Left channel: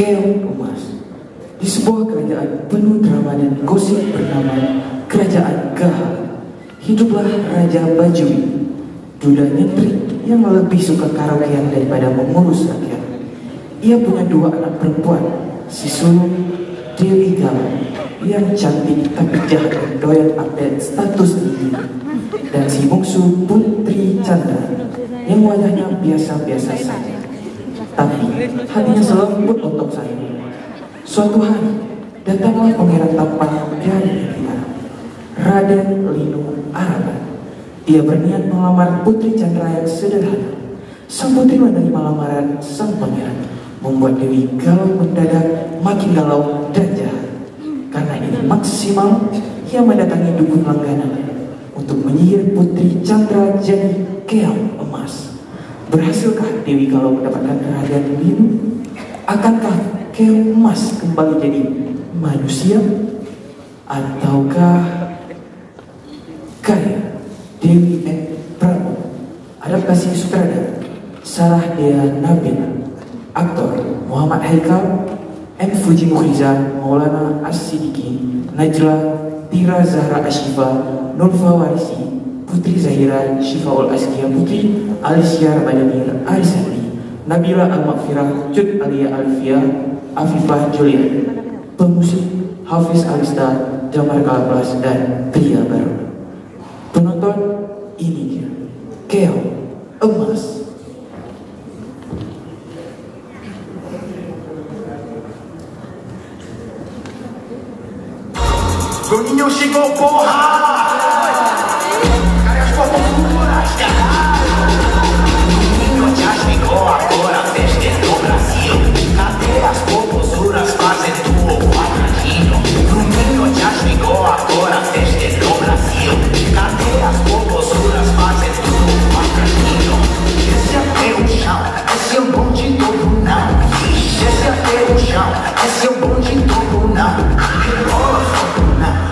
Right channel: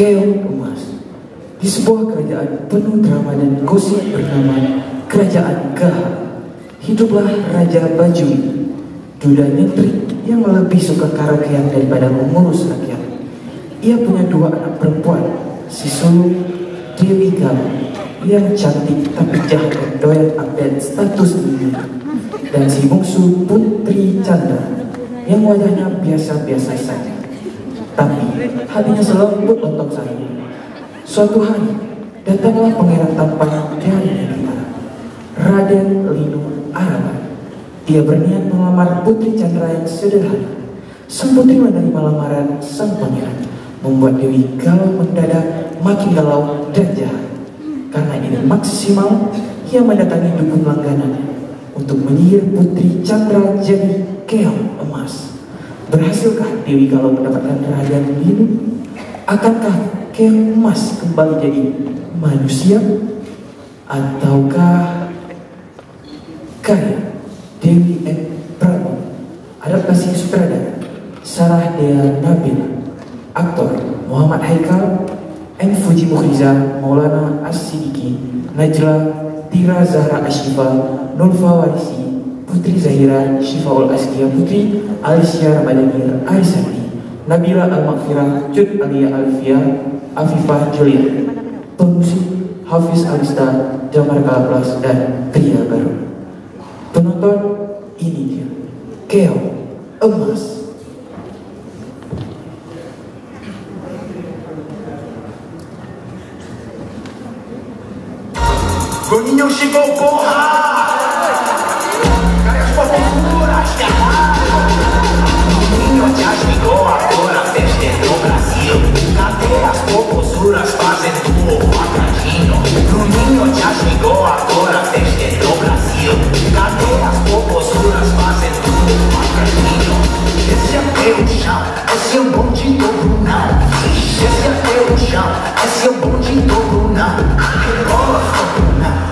Keong Emas. Di sebuah kerajaan penuh drama dan gosip bernama Kerajaan Gaharu, hiduplah Raja Baju, duda nyentrik yang lebih suka karaokean daripada mengurus rakyat. Ia punya dua anak perempuan, si sulung Dewi Galuh yang cantik tapi jahat dan doyan update status tinggi, dan si bungsu Putri Chandra yang wajahnya biasa-biasa saja, tapi hatinya selembut lontong sayur. Suatu hari datanglah pangeran tampan dari India, Raden Linu Arana. Dia berniat melamar Putri Chandra yang sederhana. Sang putri menerima lamaran sang pangeran, membuat Dewi Galuh mendadak makin galau dan jahat. Karena ini maksimal, ia mendatangi dukun langganan untuk menyihir Putri Chandra jadi keong emas. Berhasilkah Dewi Galuh mendapatkan kerajaan Linu? Akankah keong emas kembali jadi manusia? Ataukah Kaya Dewi and Prabu? Adaptasi sutradara Sarah Dea Nabila, aktor Muhammad Haikal, and Fuji Mukhiza, Maulana As-Siddiqui, Najla, Tira Zahra Ashifa, Nurfa Warisi, Putri Zahira, Shifaul Azkia Putri, Alicia Ramadhanir Arisandi, Nabila Al-Maghfirah, Cut Alia Alfia, Afifah Juliet. Pemusik Hafiz Alista, Jamar Kalabas, dan Pria Baru. Penonton, ini dia Keong Emas. Coño chico coja, caras por furas, caralho. Niño ya llegó agora desde o Brasil. Cadê as popozuras fazendo o atrasino? O niño já chegou agora desde o Brasil. Cadê as popozuras fazendo o atrasino? Esse é o chão, esse é o bonde todo não. Esse é o chão, esse é o bonde todo não. Rebola, não.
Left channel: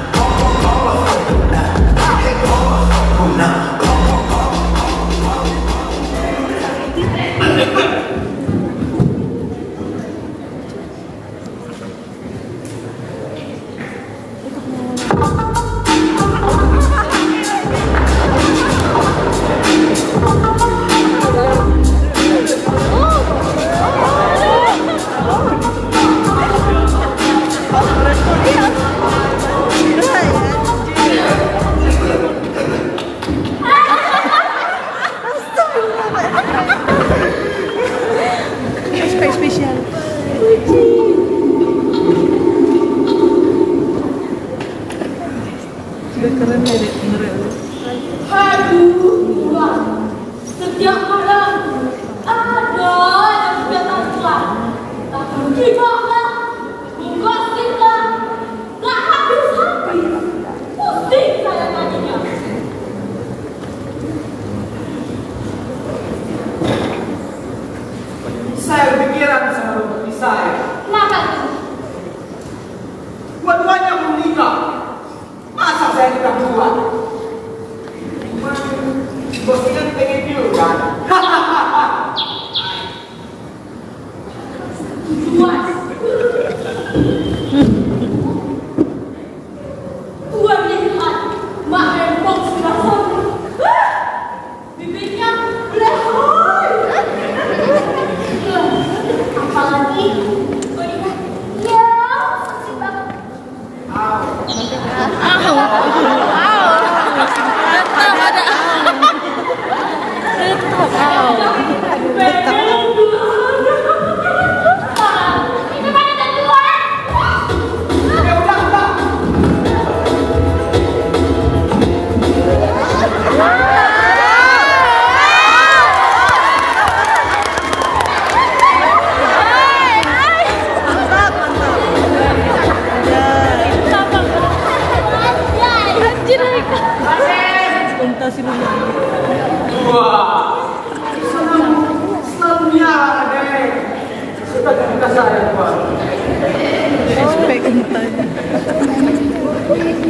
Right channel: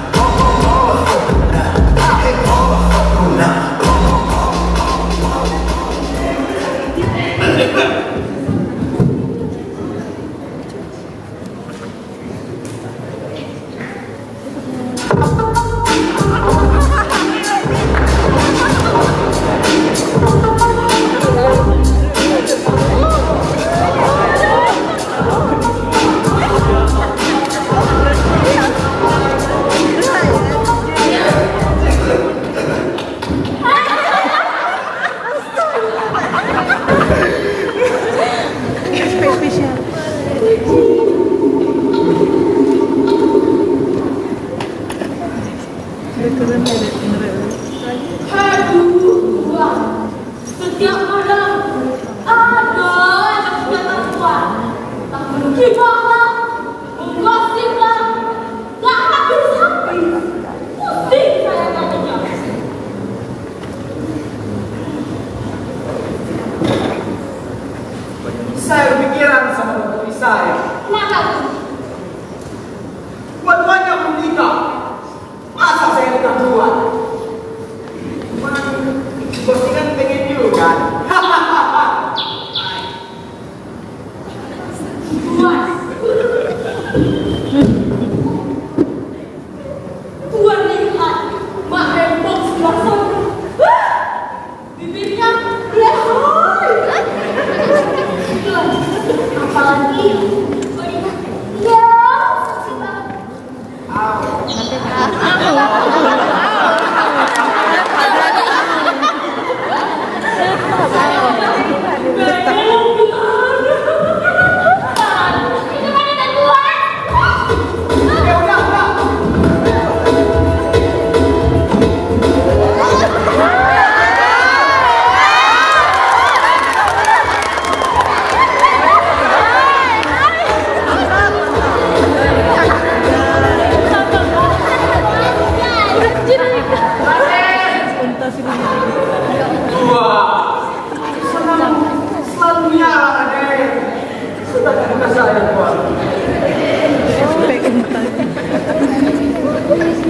saya Tuan.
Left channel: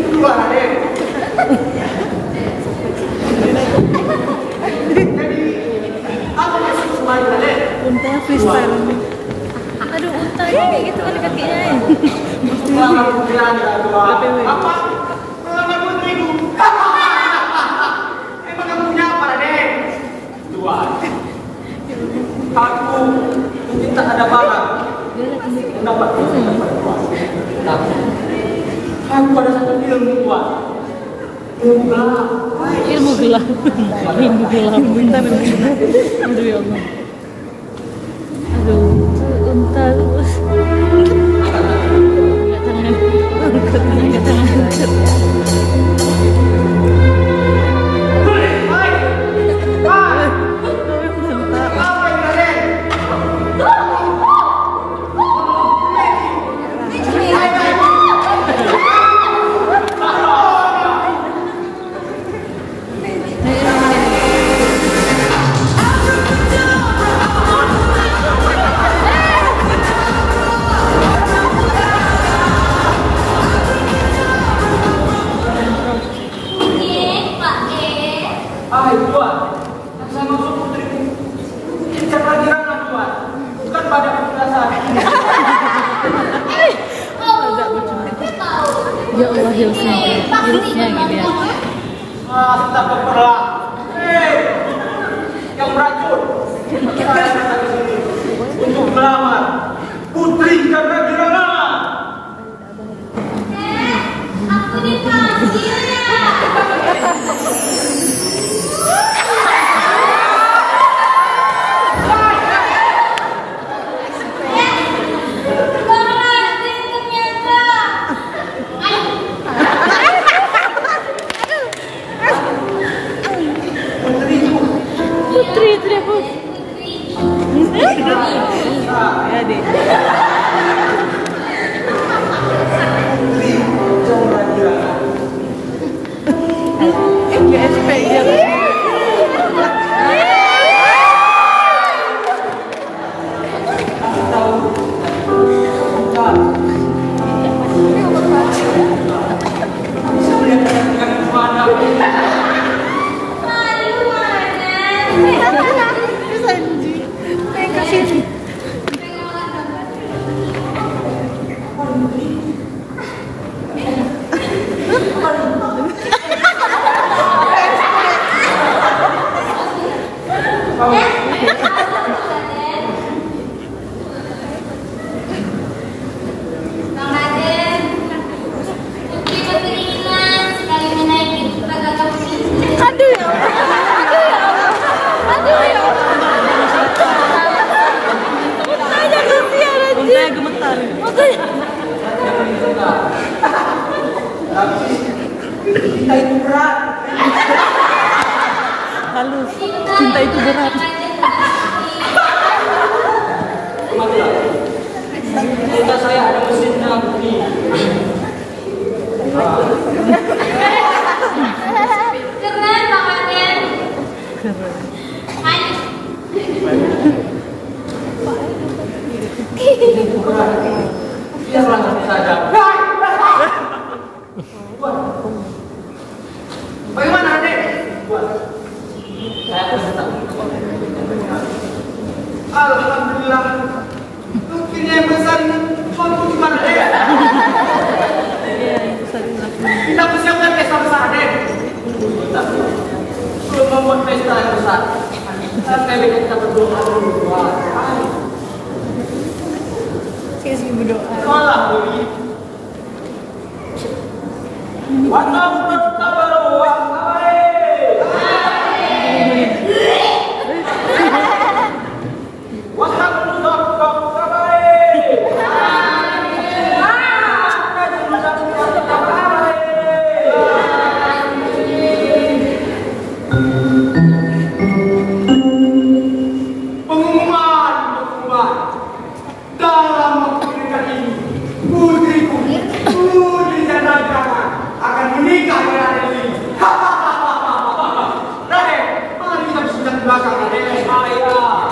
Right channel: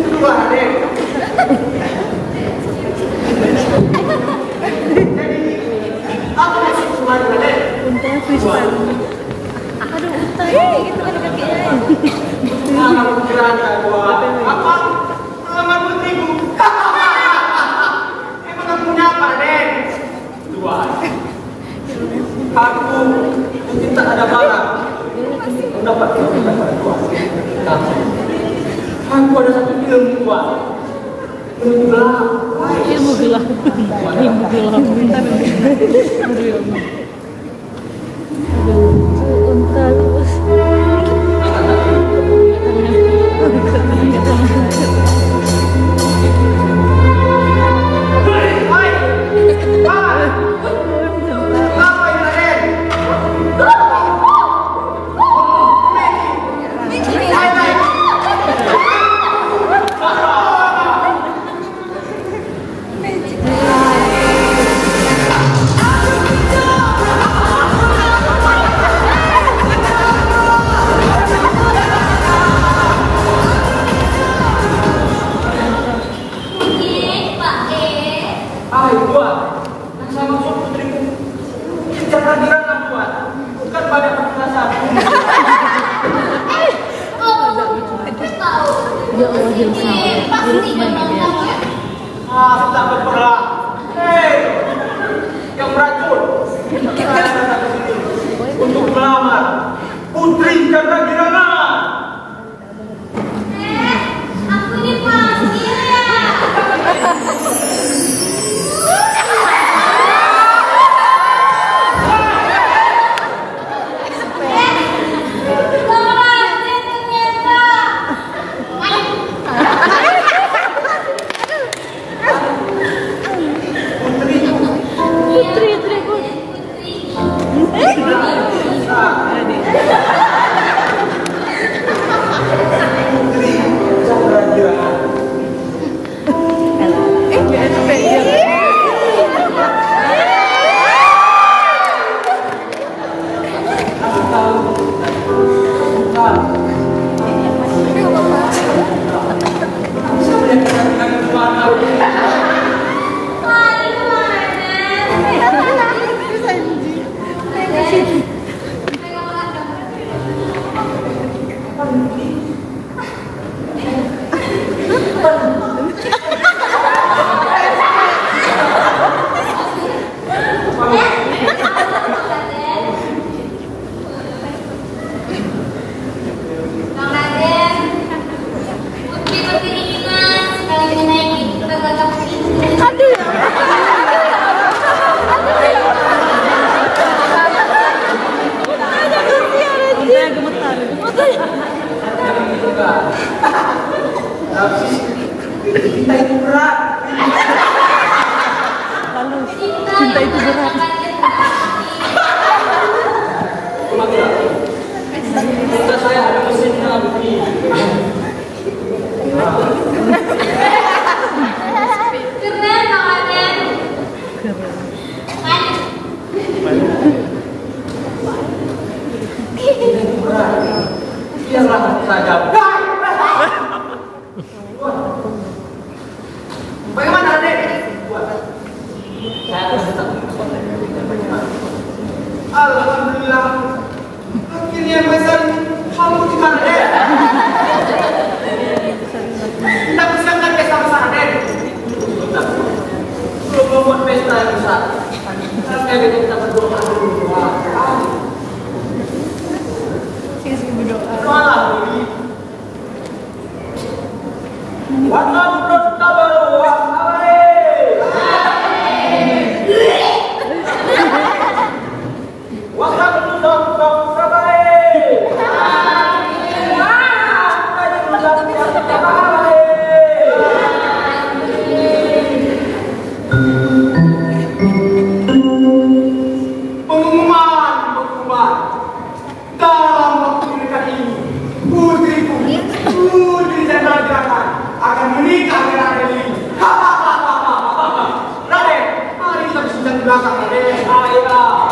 Dua Raden. Jadi apa maksud kemarin Raden? Untanya freestyle. Aduh, untanya kayak gitu kan kakinya. Sangat beranda Tuan. Apa? Melamar putriku. Emang kamu punya apa Raden? Tuan. Aku mungkin tak ada barang mendapat Tuan. Tapi aku ada satu ilmu Tuan. Ilmu gelap. Ilmu gelap. Ilmu gelap. Bentar. Aduh, entar. Sudah berperang. Hei, yang beracun. Saya datang ke sini untuk melamar Putri Candrakirana. Aku dipanggil. Cinta itu berat. Halo, cinta itu berat. Cinta saya ada mesinnya Putri. Keren banget. Biarlah saja. Bagaimana Raden? Saya tetap. Alhamdulillah. Akhirnya besar mau di mana Raden? Kita persiapkan pesta besar Raden. Belum membuat pesta yang besar. Sampai kita berdoa dulu. Malah ini. Wanam bertabaru wahai. Waham bertabaru pengumuman dalam waktu dekat ini putriku Putri Candrakirana akan menikah dengan Raden. Raden, mari kita bismillah di belakang Raden. Ayah.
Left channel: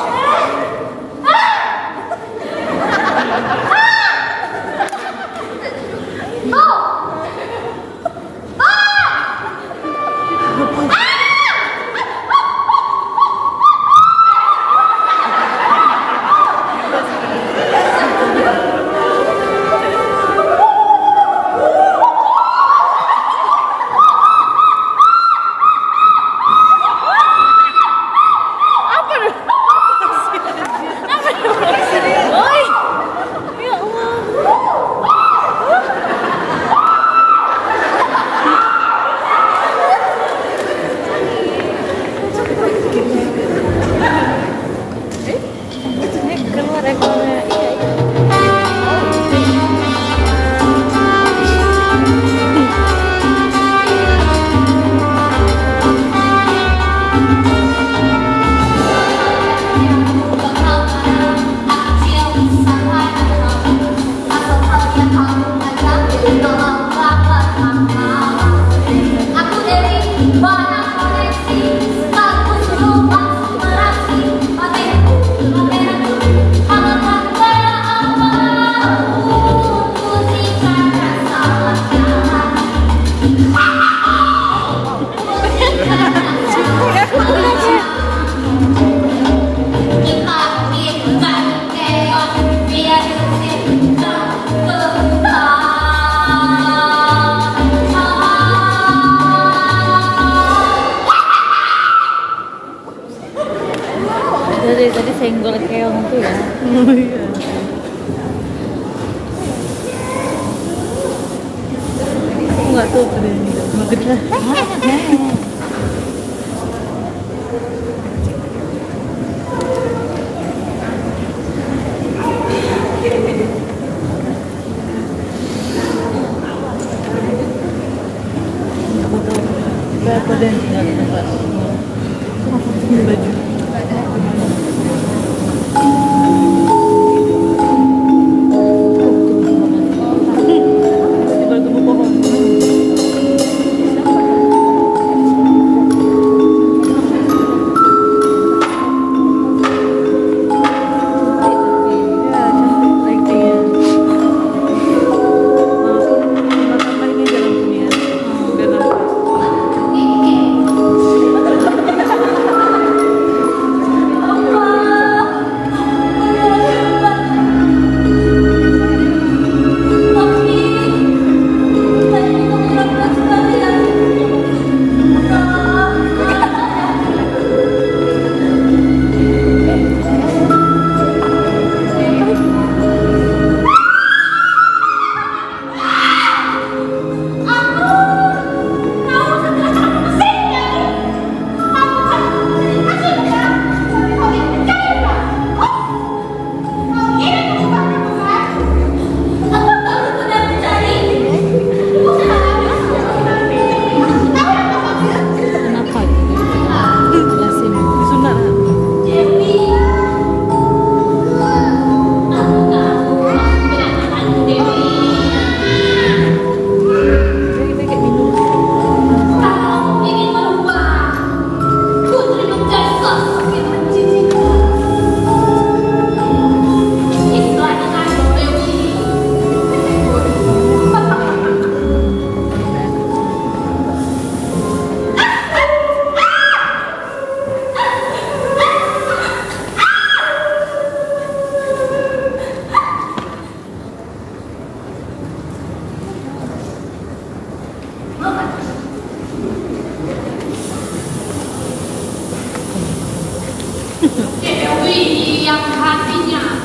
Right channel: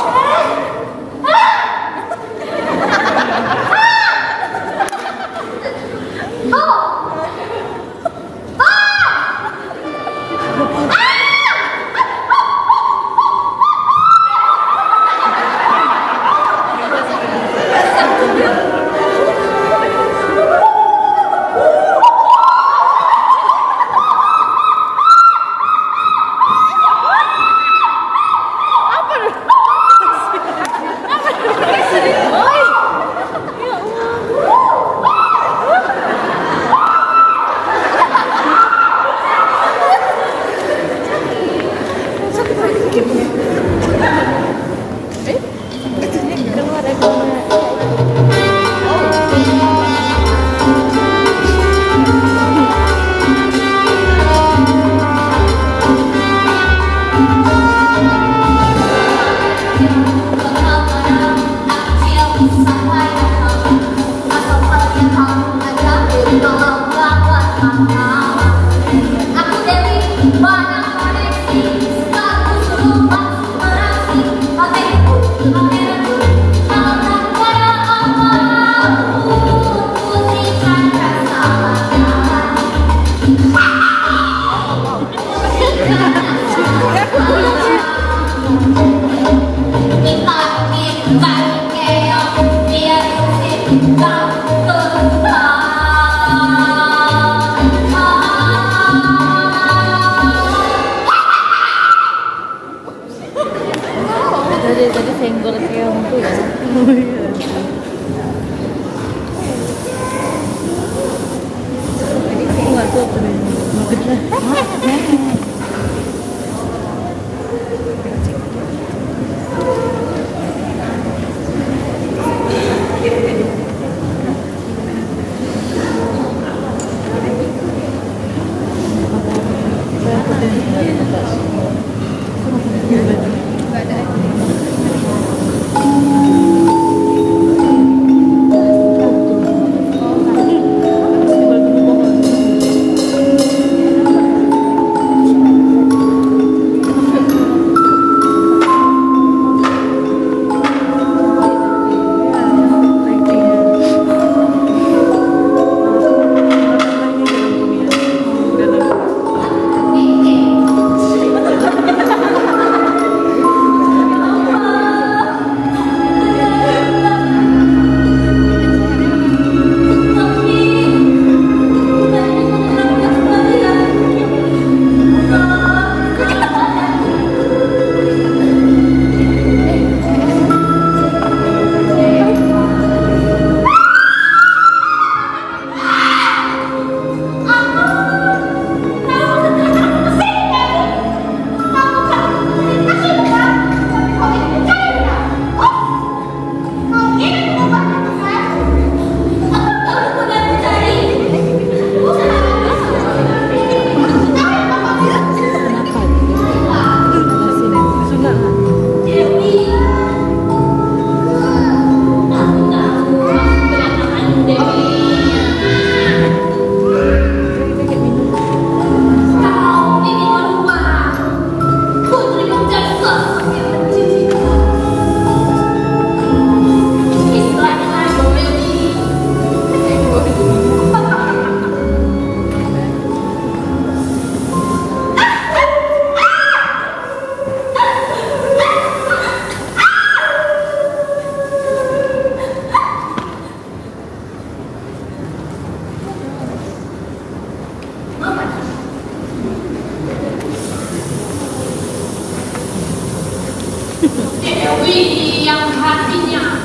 Dewi yang hatinya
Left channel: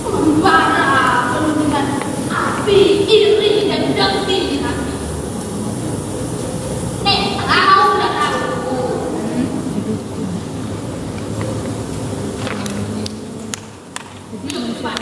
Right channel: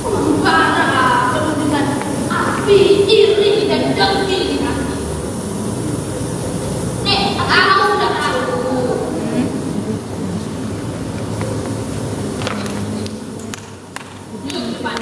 membara penuh dengan api iri dan dengki di hati. Kau dan aku yuk cepat.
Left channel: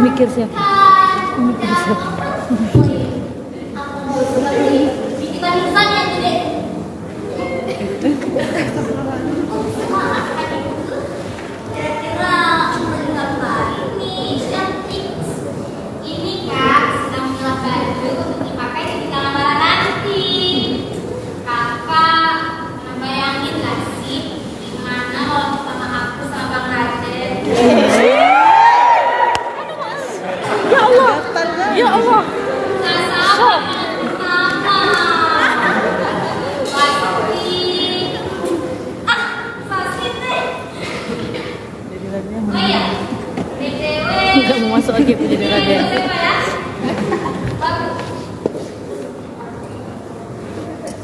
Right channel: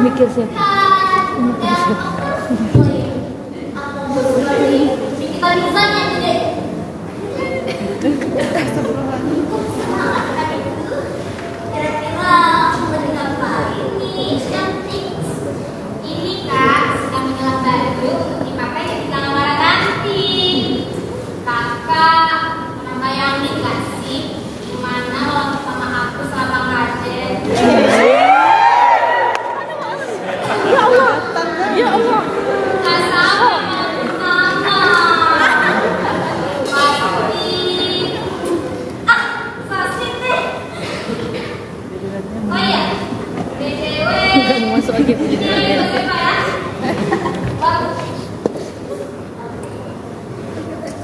Mikir siapa? Mikir siapa? Kita di sana deh. Kira-kira beri apa ini? Cantik. Ini kak sedang menyelap baju untuk dipakai ketika lamaran nanti. Kakak pernah bayangin gak sih gimana waktu sama aku sama Bang Raden? Ya Allah. Gak sama sama. Pasti deh. Oh iya, BTW. Jangan masuk lagi ke jadi lagi.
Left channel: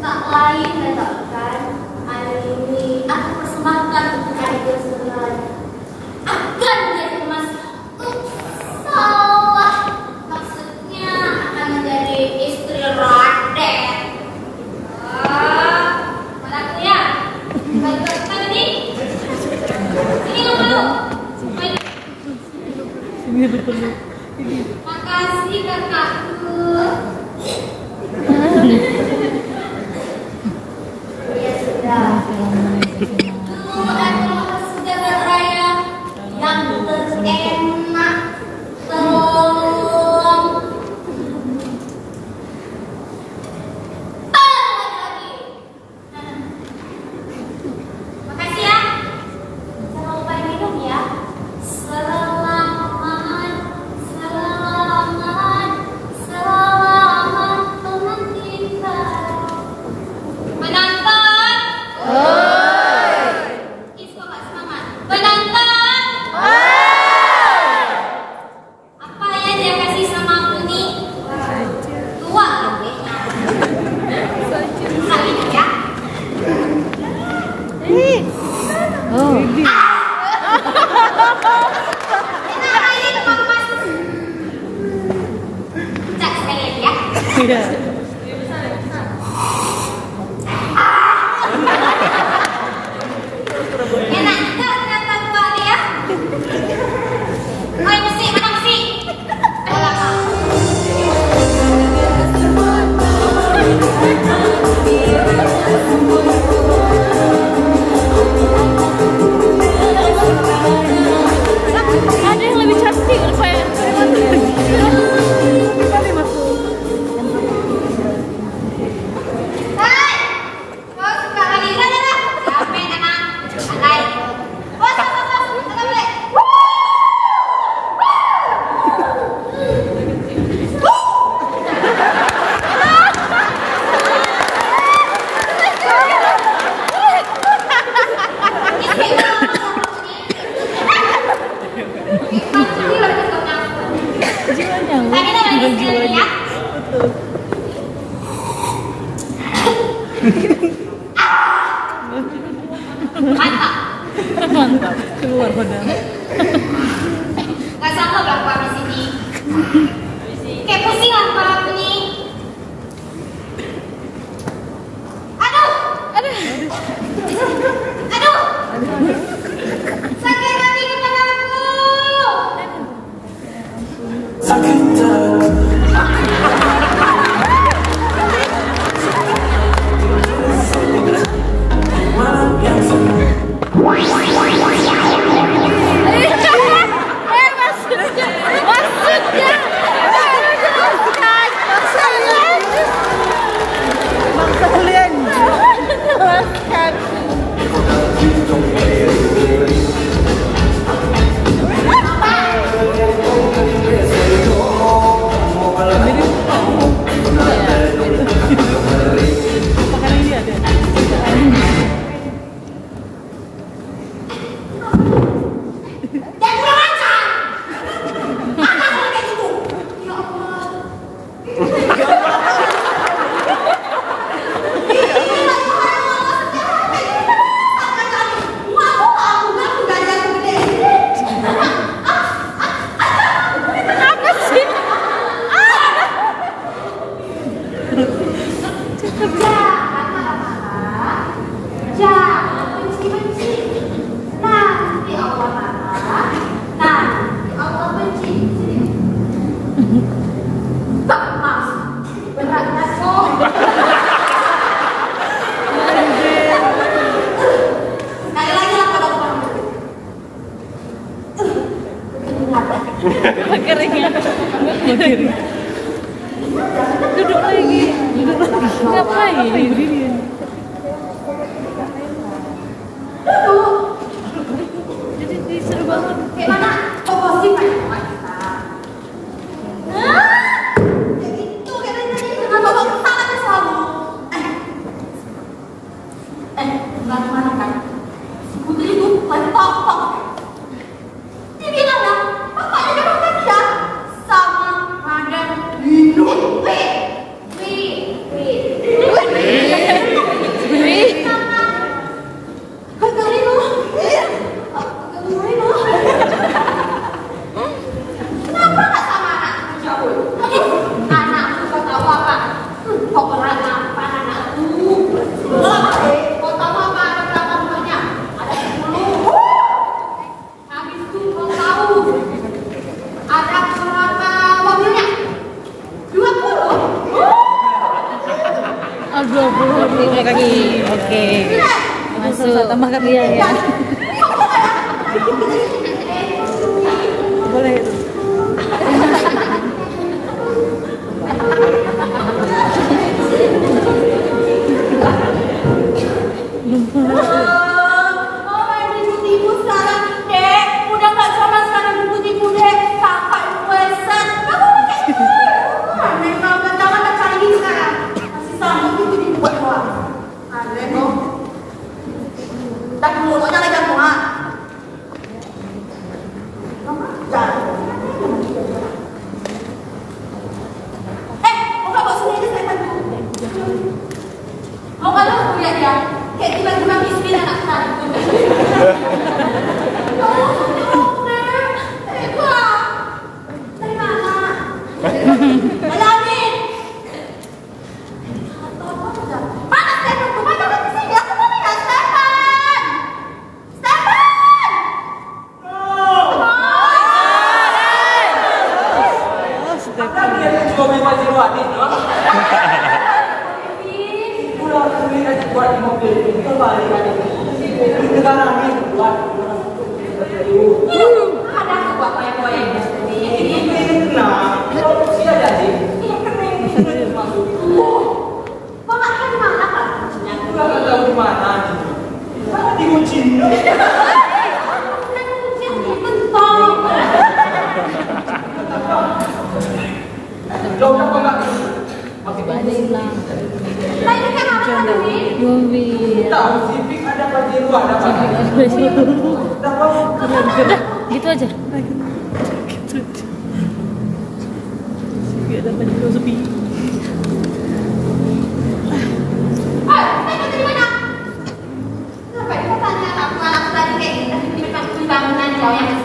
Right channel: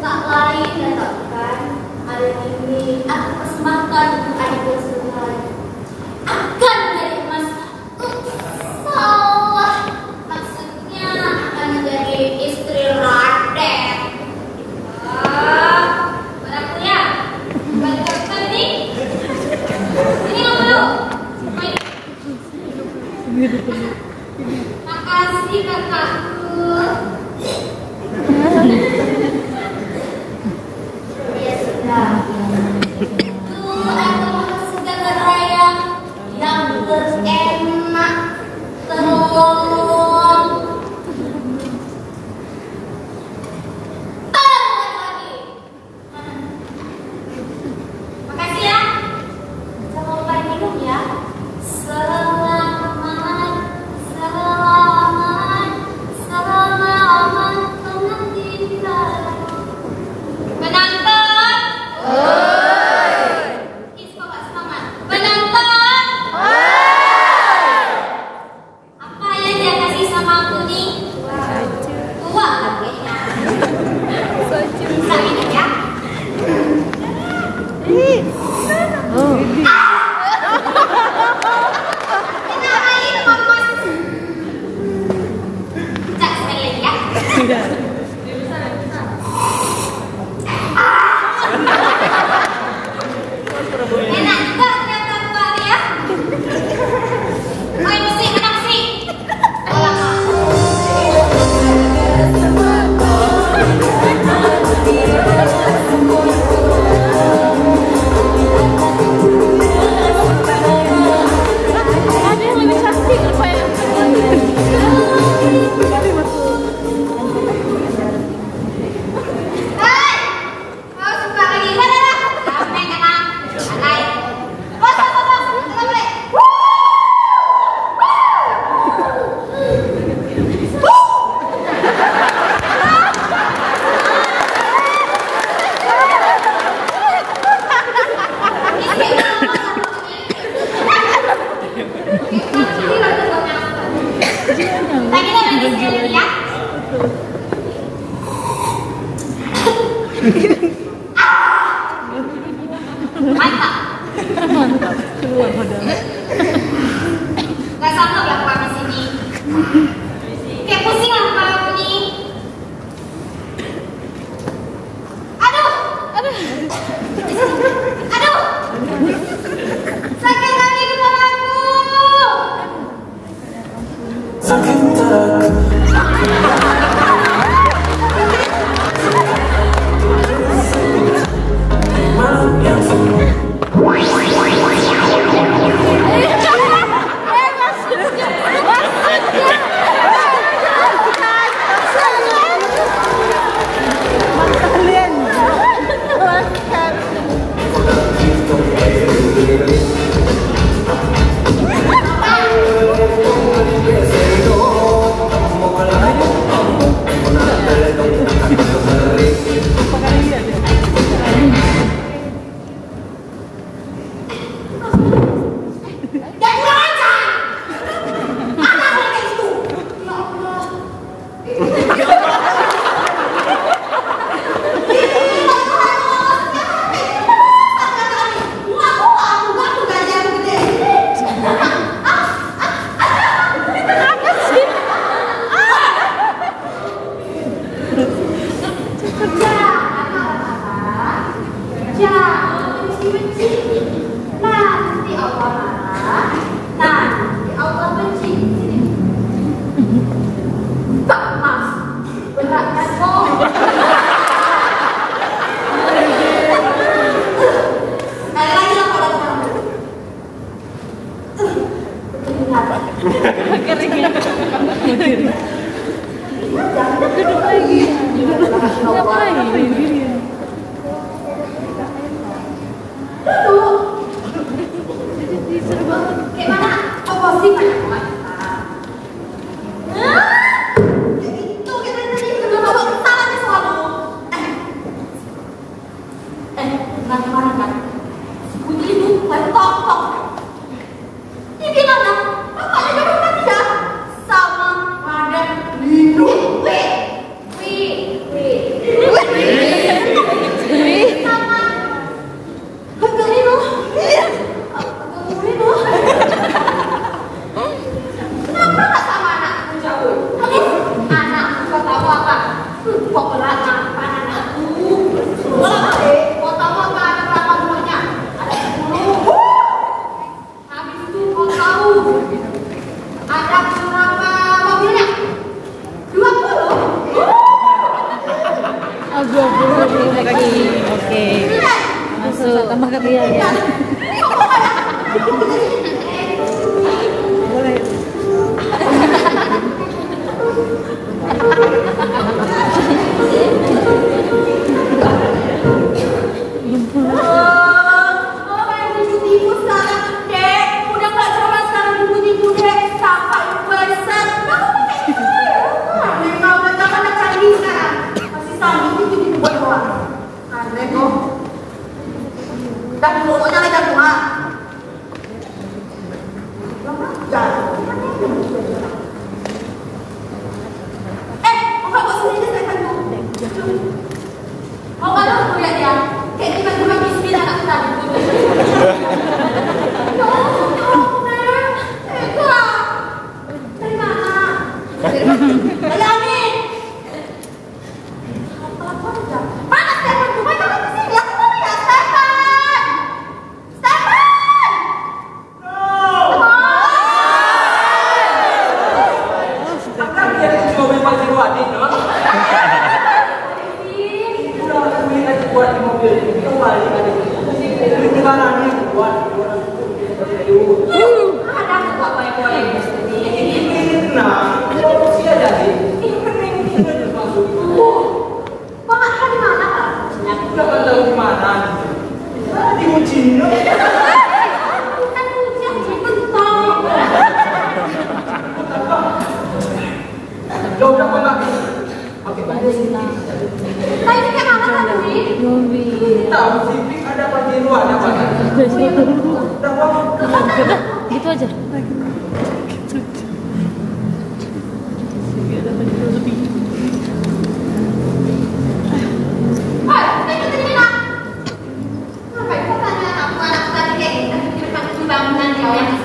Tak lain katakan hari ini aku persembahkan untuk adik sekalian. Akan menjadi emas. Salah. Maksudnya akan menjadi istri Raden. Mana aku ya? Baju kita ini. Ini dulu. Makasih kakakku. Ya sudah. Itu adalah segala raya yang terenak. Tolong. Lagi. Makasih ya. Jangan lupa minum ya. Selamat, selamat, selamat teman kita. Penonton. Semangat, semangat. Penonton. Apa yang dia kasih sama aku nih? Tua kayaknya. Bisa minum ya. Kita akan papas. Cek sekali ya. Enak enggak ternyata buahnya? Oh, ini sih, menang sih. Ada yang lebih cantik saya. Hai, kau suka lagi mana dah? Apa yang tenang? Santai. Bos, bos, bos, bos, boleh. Gak sanggup lah aku di sini. Kayak pusing lah kepala aku nih. Aduh. Sakit lagi kepala aku. Sakit Duduk lagi. Ngapain? Jadi disuruh bangun. Kayak mana? Oh, pasti banyak wanita. Ya itu, kayak tadi kenapa kok kesalahannya selalu? Nggak kemarin kan? Si Putri itu tok. Dia bilang ya, bapaknya jabatan dia sama Madam sama Hotel Rino. Kenapa nggak sama anakku jauh? Anakku kau tahu apa? Kok kelana anakku? Kau tahu apa ada berapa bulannya? Ada 10. Habis itu kau tahu ada berapa mobilnya? 20. Agak boleh lagi. Oke. Masuk tambah ke dia ya. Boleh. Oh, yang ibu-ibu sekarang, Dek, udah nggak coba sekarang ibu-ibu Dek, kakak requestan, kamu pakai itu. Mereka udah jangan cari ini sekarang, masih sanggup itu dibuat doang. Ada kok. Dan dulu jangan jangan. Oke, bos ini saya bantu. Oh, kalau aku lihat ya, kayak tiba-tiba miskin anak tadi. Dari mana? Alami. Mana Stefan? Mana kamu kesini? Aku mau lihat Stefan. Stefan. Ada apa yang boleh Bapak kan di mana Pak? Udah tahu di mana? Di kucing. Bukan kucing, itu tong. Coba kok Oke, balik. Tadi kayak mana tadi? Mobil. tahu sipik ada apa di luar ada apa? Udah, gitu aja. Bangunan yang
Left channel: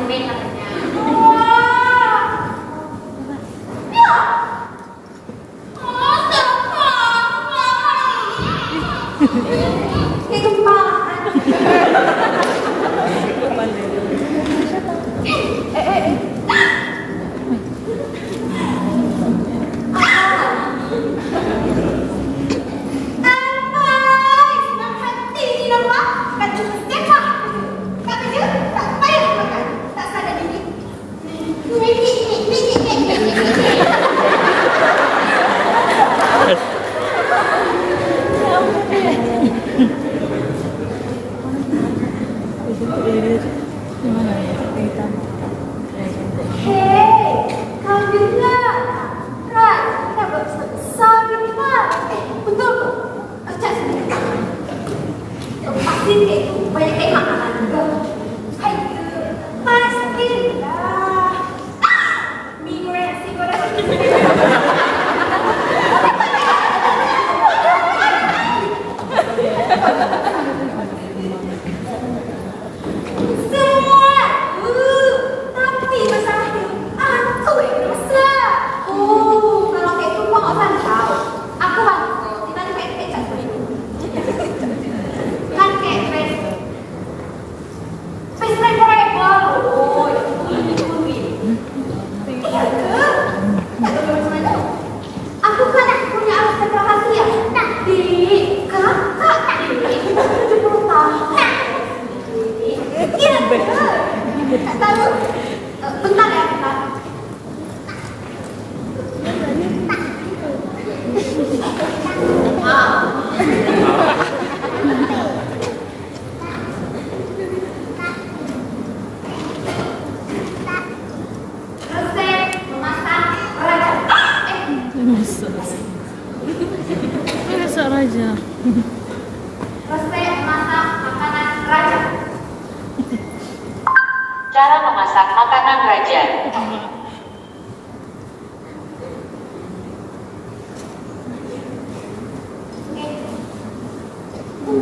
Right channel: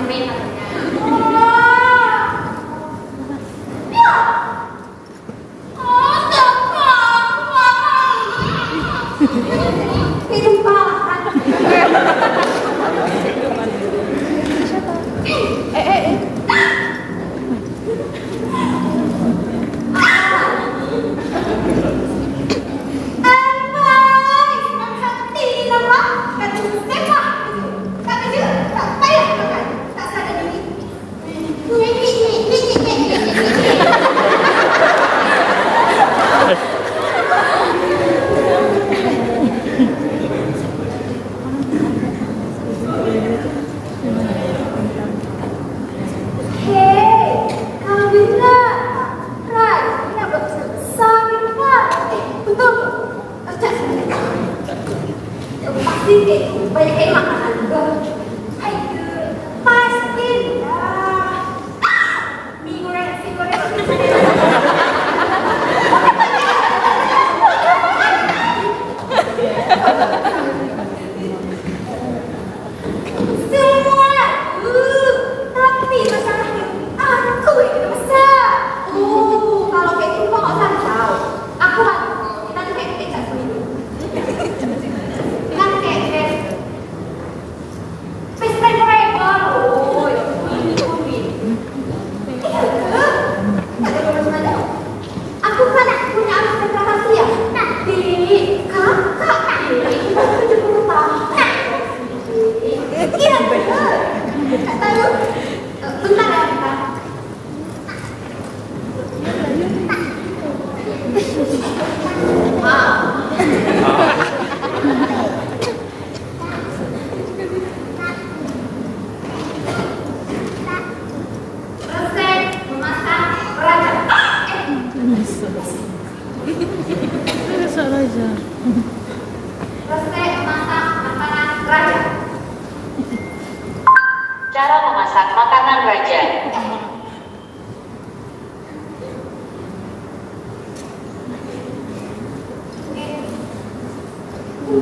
makanan raja.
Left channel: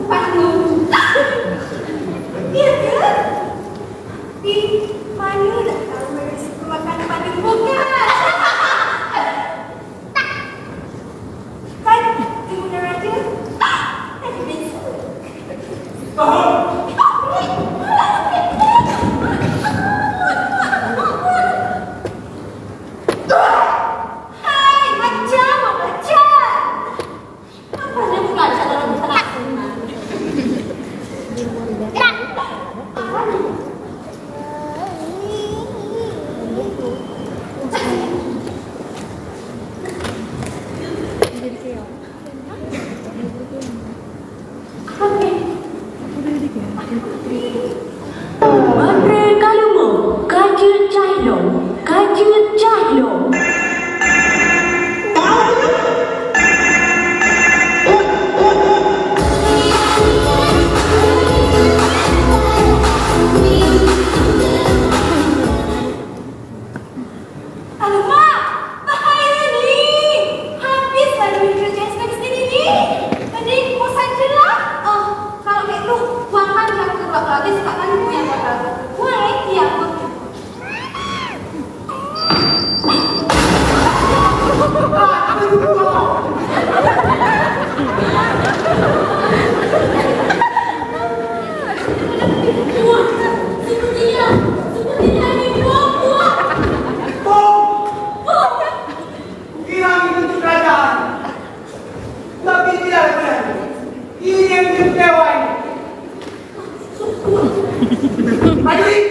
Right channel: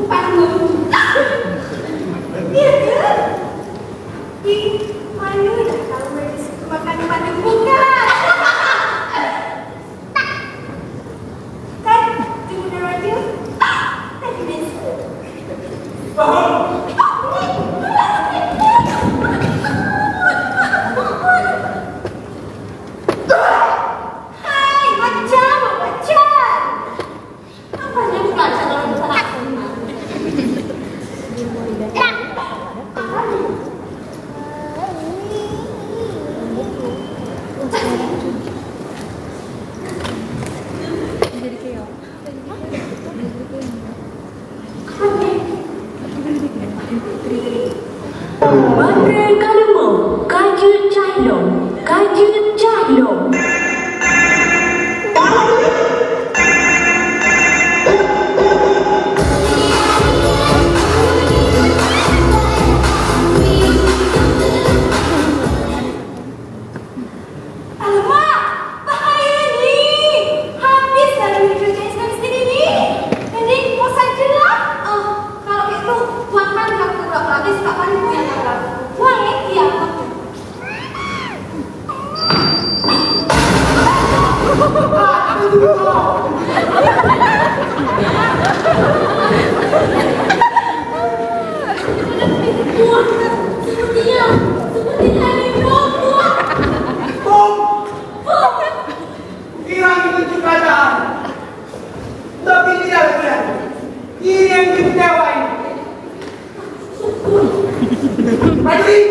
Panggung. Iya kan? Di mana dah kalau mereka suka makan panggung bukan? Kan di mana raja? Kan di desa. Hai, macam. Apa dia bukan calon bukan aku? Matre kalemo, kajil cahlong, kajil cahlong. Alamak, bahaya ni. Habis dah duit kerja sendiri ni. Mending bosan je lah. Kalau gitu, buang kan yang kurang habis kat mana punya bakal. Buang yang apa? Buang, sepertinya ni buang. Hilang itu kerajaan. Tapi tidak benar. Ini yang kecewa ini. Prajurit.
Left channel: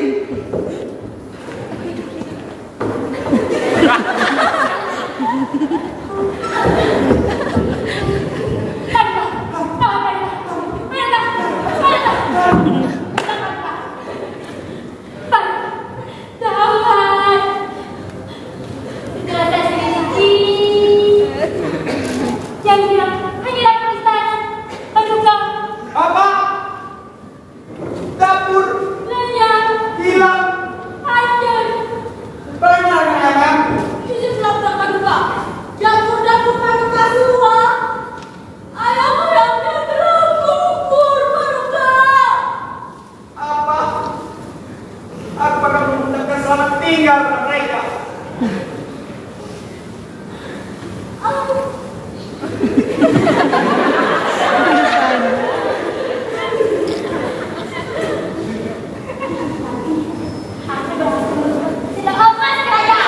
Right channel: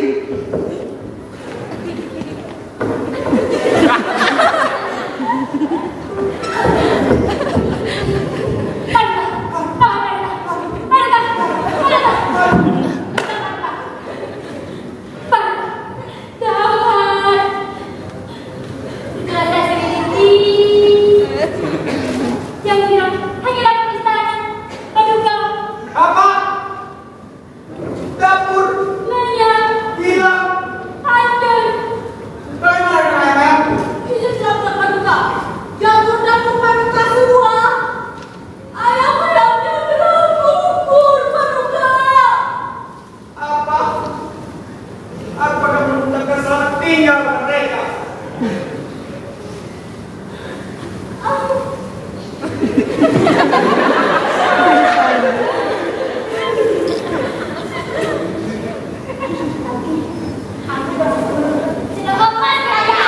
Apa? Dapur hilang. Banyak yang Dapur paduka dua. Ayah ayamnya terkubur paduka. apa? Apakah mengucapkan selamat tinggal kepada mereka? Sudah emas kerajaan.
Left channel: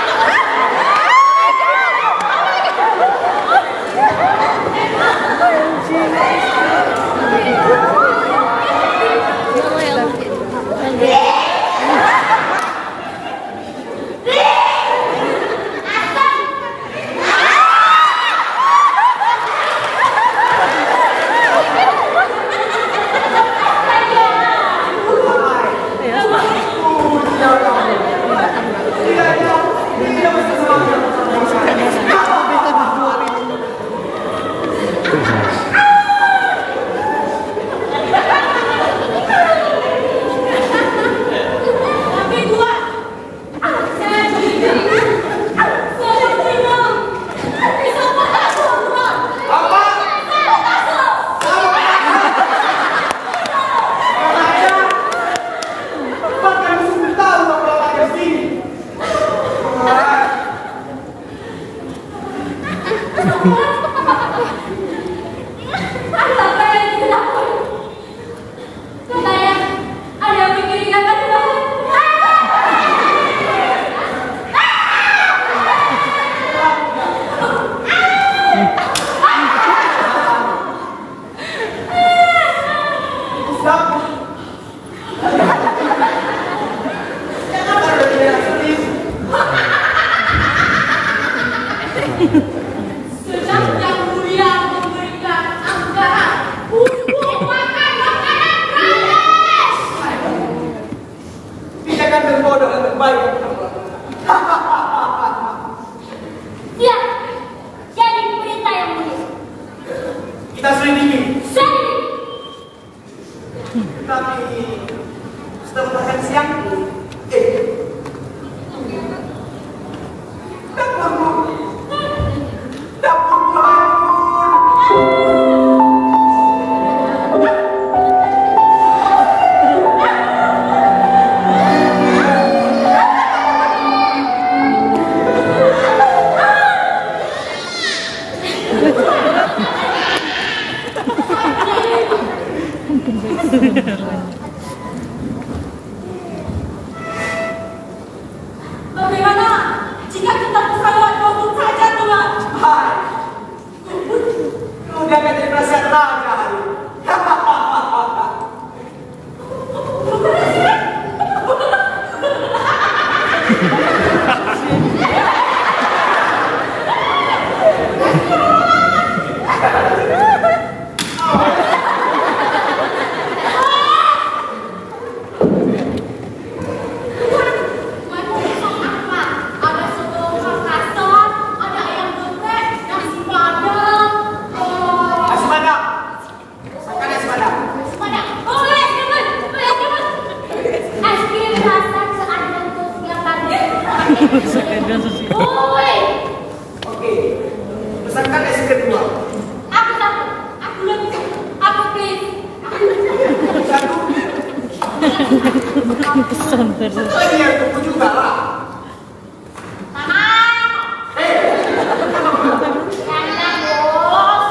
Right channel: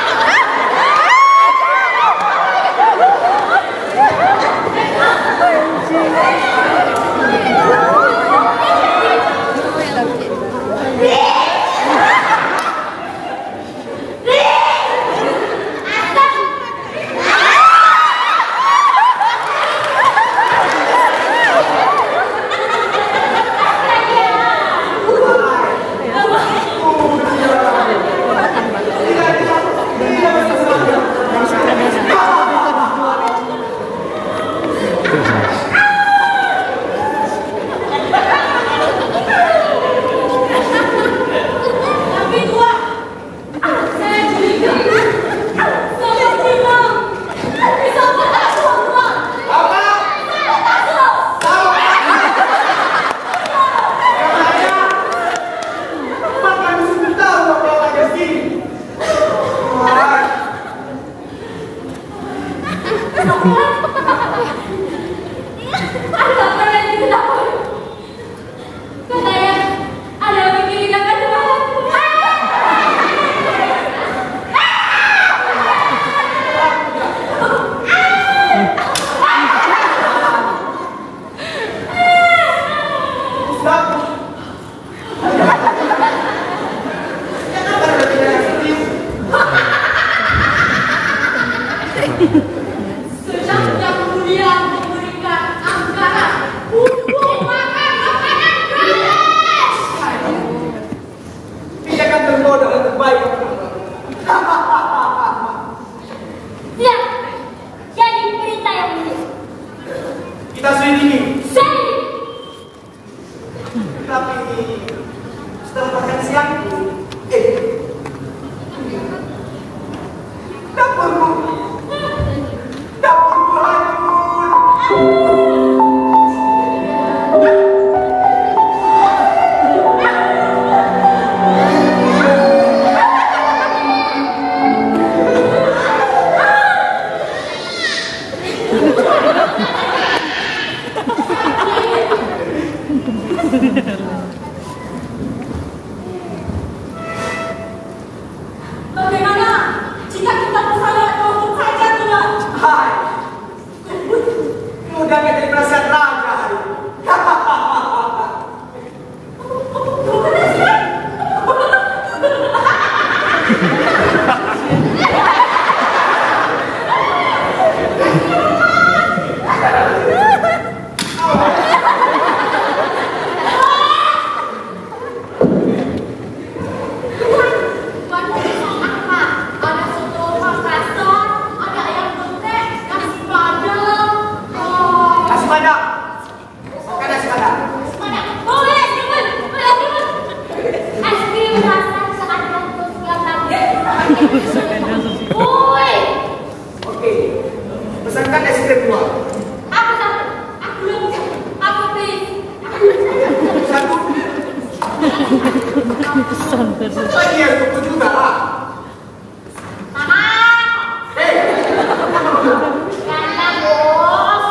Bagaimana jika kita pesawat untuk saja, Tuan? Hai, udah gak jadi perasaan raja hari ini. Oke, pesankan es krim dua. Aku satu. Aku belum bisa. Aku please. Satu. Satu lagi yang tunggu juga lah. Mama. Hei, Jangan, Bos.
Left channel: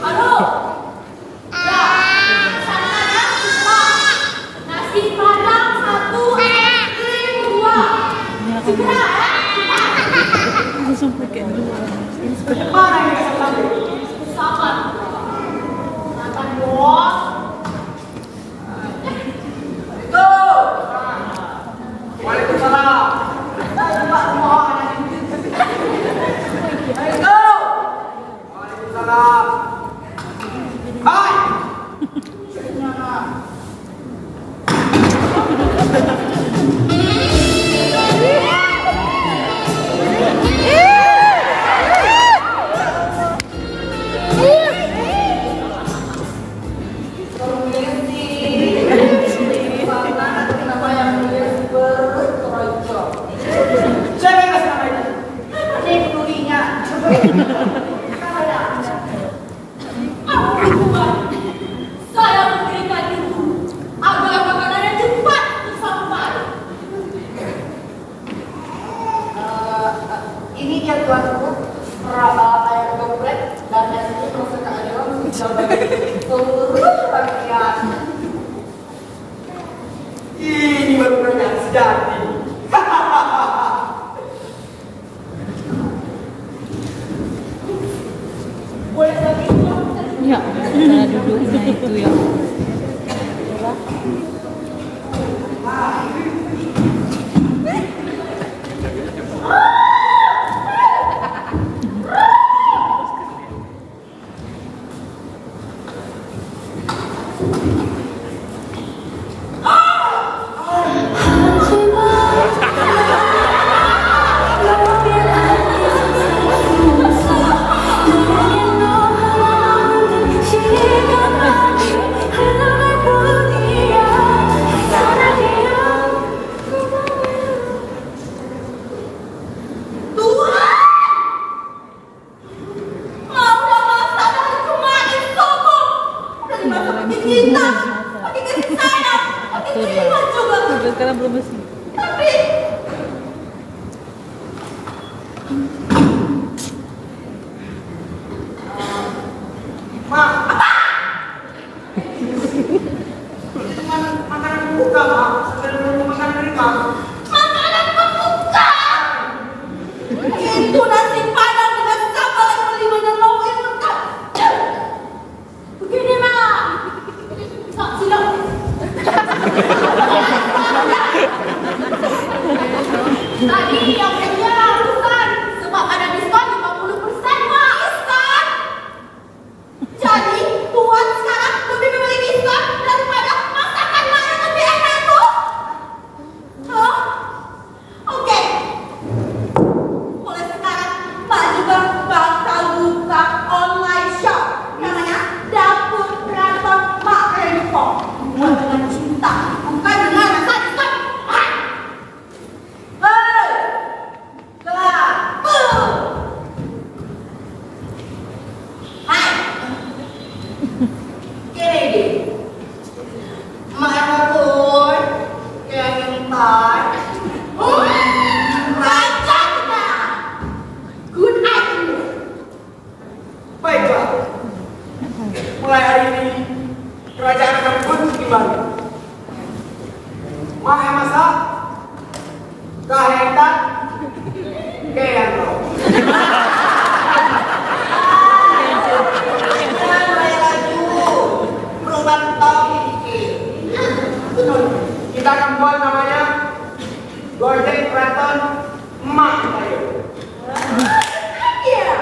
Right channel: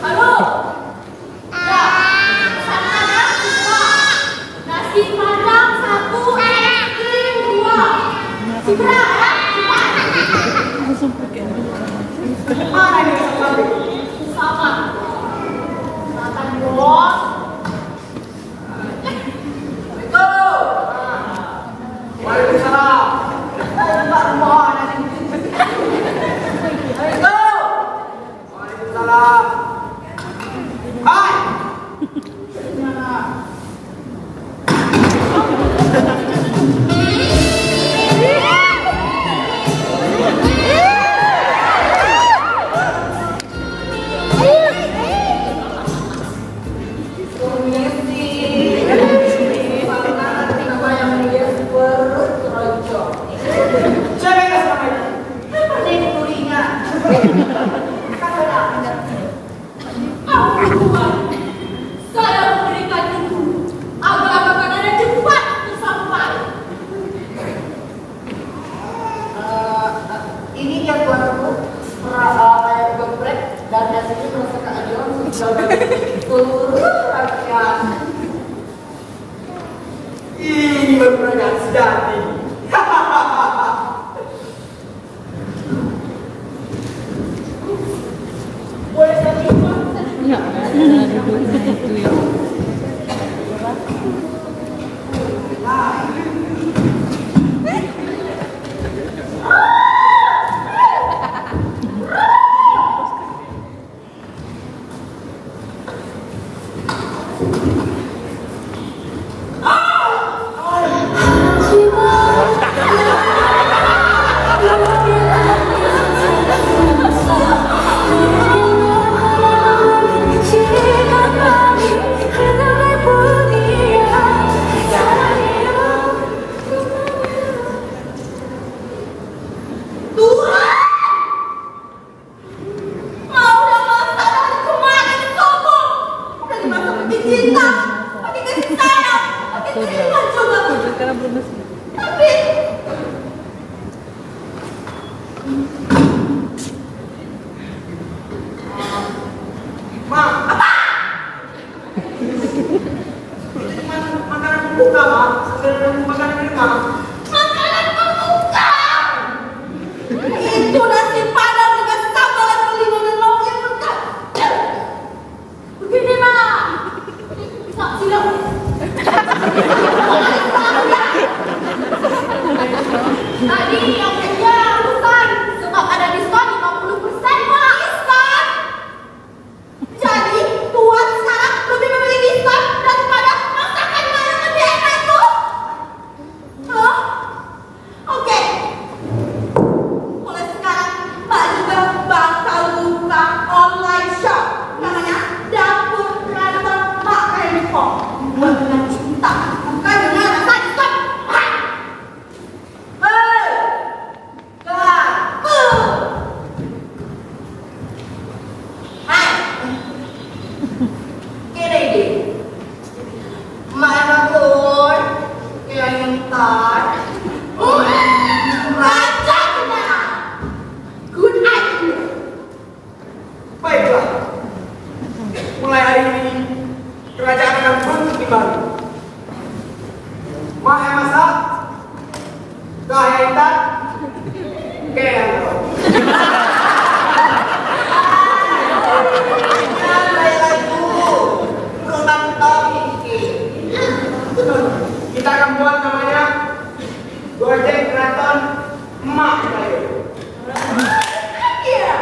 Halo. Ya. Pesankan nasi padang satu, es krim dua. Segera ya. mana ini asal sampai? Sama. Makan, Bos. Halo. Waalaikumsalam. Pak mohon. Halo. Waalaikumsalam. Hai. Saya memberikan itu agar makanannya cepat tersampai. Ini ya tuanku, air geprek dan nasinya masuk ke dalam seluruh rakyat. Ini benar yang sejati. Boleh lagi, Tuan? Tapi Ma, apa? Makanan pembuka, Ma. Sebelum makanan prima. makanan pembuka itu nasi padang dengan sambal dan kelima dan lauk yang lengkap. Begini mah, tak silang. Tadi yang punya bukan sebab ada diskon 50% malah diskon. Jadi Tuan sekarang lebih memilih diskon daripada masakan yang lebih enak tuh. Hah? Oke. Mulai sekarang Mbak juga bakal buka online shop namanya Dapur Keraton Mak Rempong. Buat dengan cinta, bukan dengan Kahetan, kaya bro. Kita akan buat namanya Gojek Keraton Emak Kayu. Iya.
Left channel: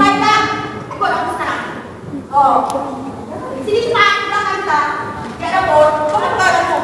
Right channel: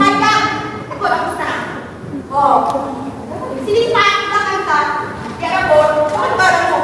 Hai Kak, ikut aku sekarang. Oh, sini Pak, belakang kita. Jangan bor, bukan barangmu.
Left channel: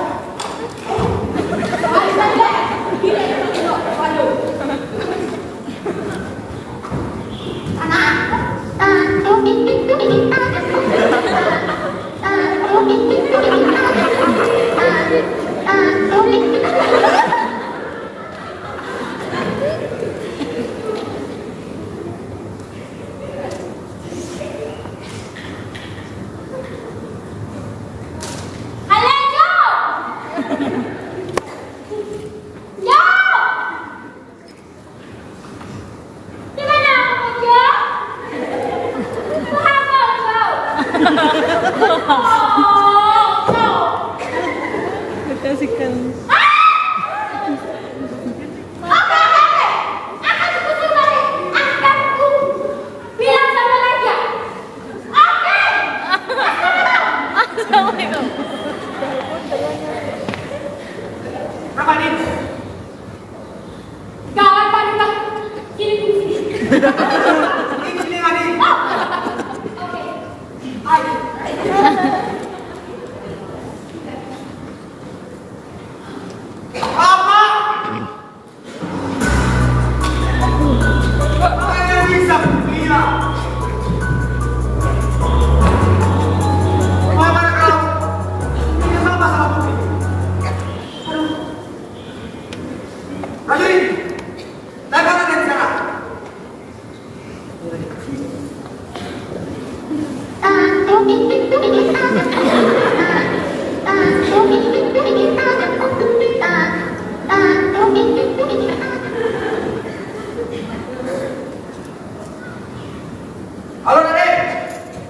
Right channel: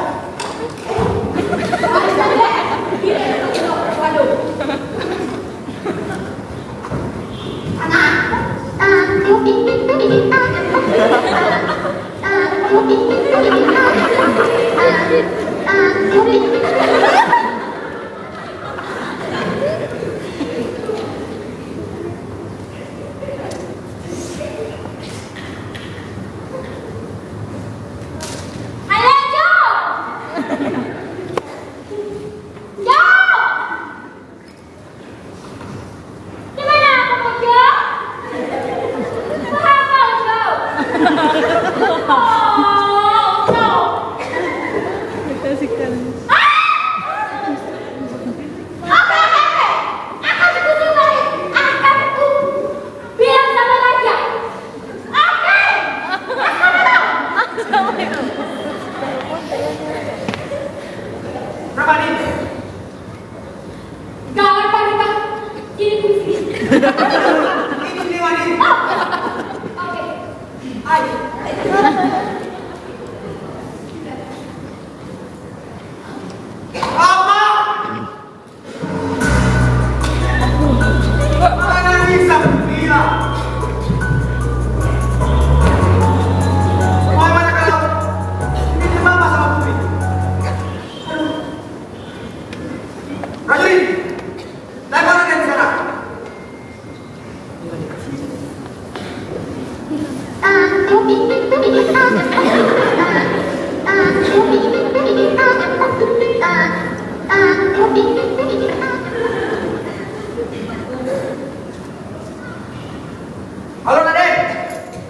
Halo Raden.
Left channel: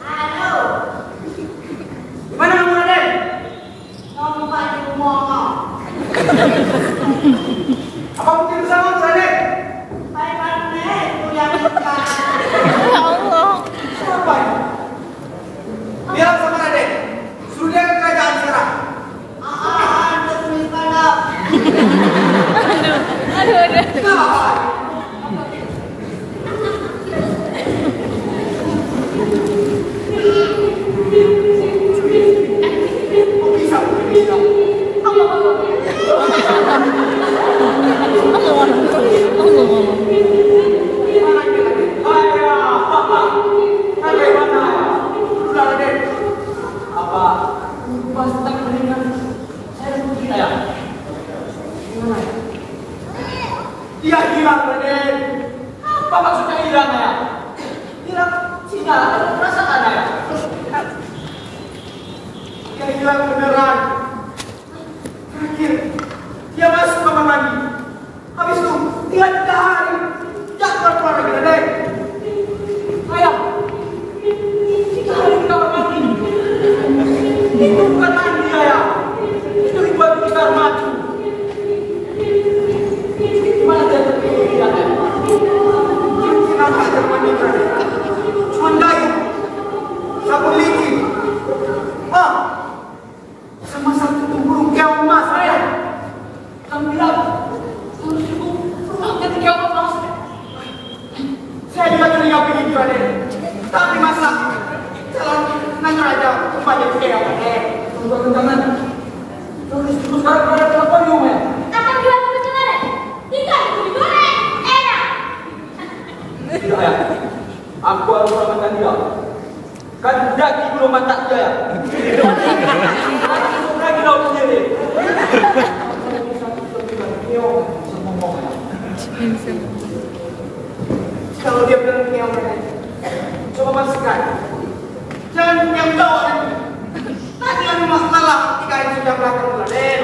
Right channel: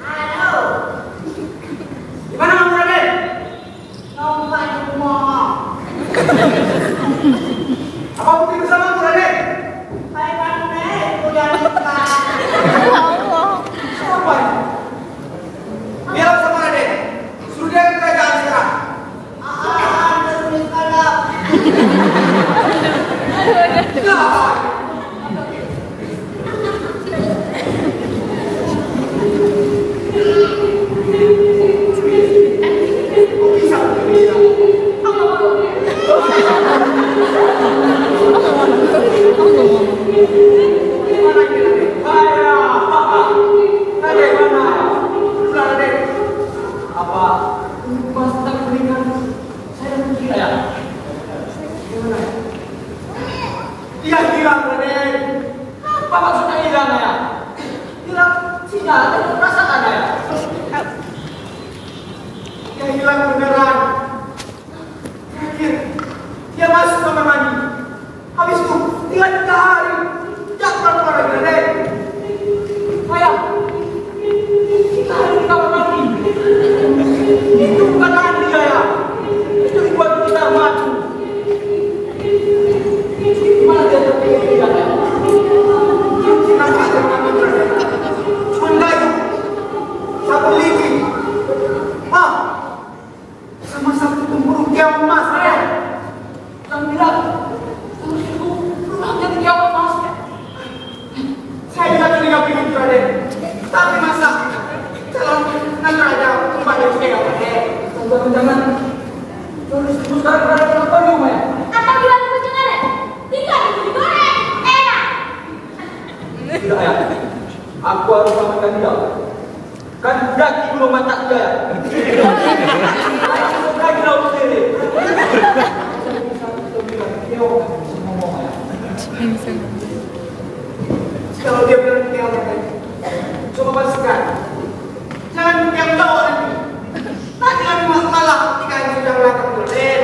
Halo. Gimana kamu Raden? Nomor di rumah. Apa bukti bersamamu Raden? Bagaimana kuliah nikah? Siapa ini? Biar sama Raden. Suruh dia ke kerajaan sekarang. Terus kalau dia hilang Raden. Apa maksudnya hilang ya? Hilang sinyal, perasaan ya? Dia hilang beneran. Terakhir, dia masuk kamar mandi. Habis itu, dia 3 hari jangan keluar lagi Raden. Ayah, 3 hari di kamar mandi. Itu bukan mandi ya. Itu dibuat di kamar mandi. Gimana dia terpilih ya? Kenapa dia mandi Raden? Sundayu, sapu lidi. Sama satu tempurung keong emas Raden. Yang bilang terus itu pulang dari keong emas. Saya juga curiga begitu Raden. Tapi masa calon nanya aja kembali ke keong Raden. Tunggu jangan. Terus sekarang berada di depan rumah ya. apa bilang begitu Raden? Ikan itu digoreng, enak. Tidak ya. Aku harus selamatkan dia. Kan daki belum mantap dia ya. Bukan dia sendiri. Kalau dia bilang keong Raden, coba pastikan. Jangan keong cowok nanti. Tadi kan malah ketika itu sudah melakukan Raden.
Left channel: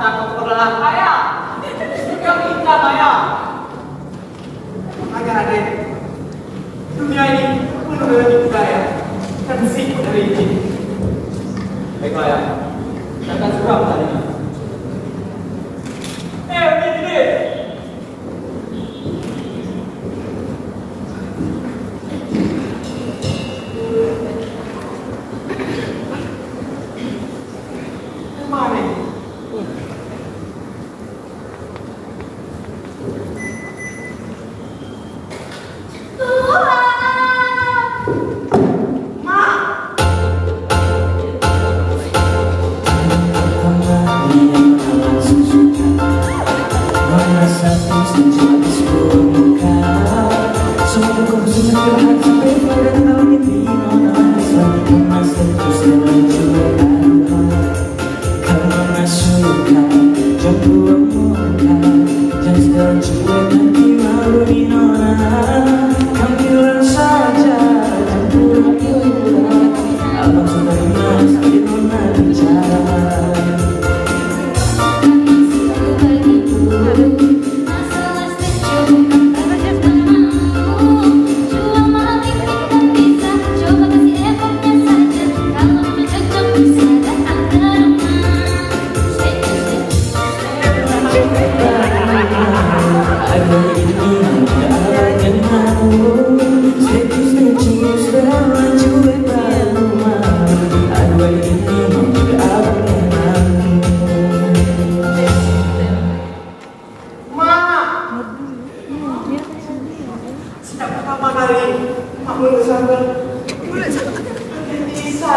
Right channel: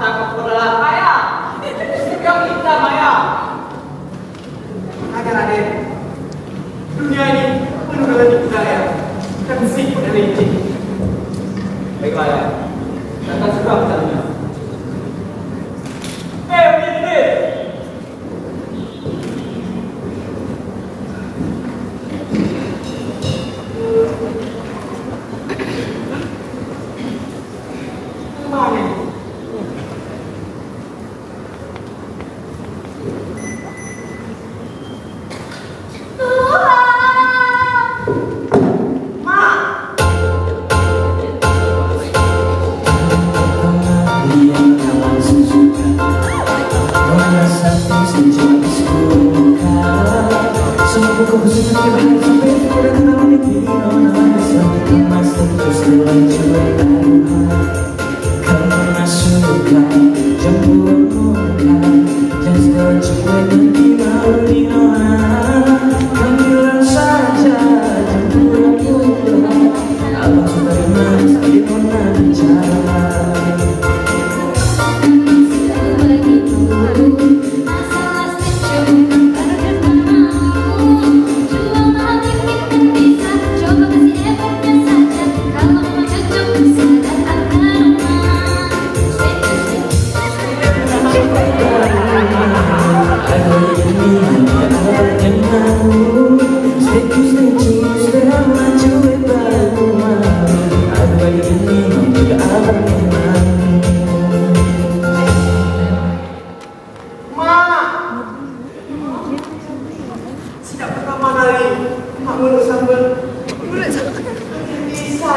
Takut kebenaran saya. Keong kita Maya. Makanya Raden, dunia ini penuh dengan budaya dan sih religi. Baiklah ya, datang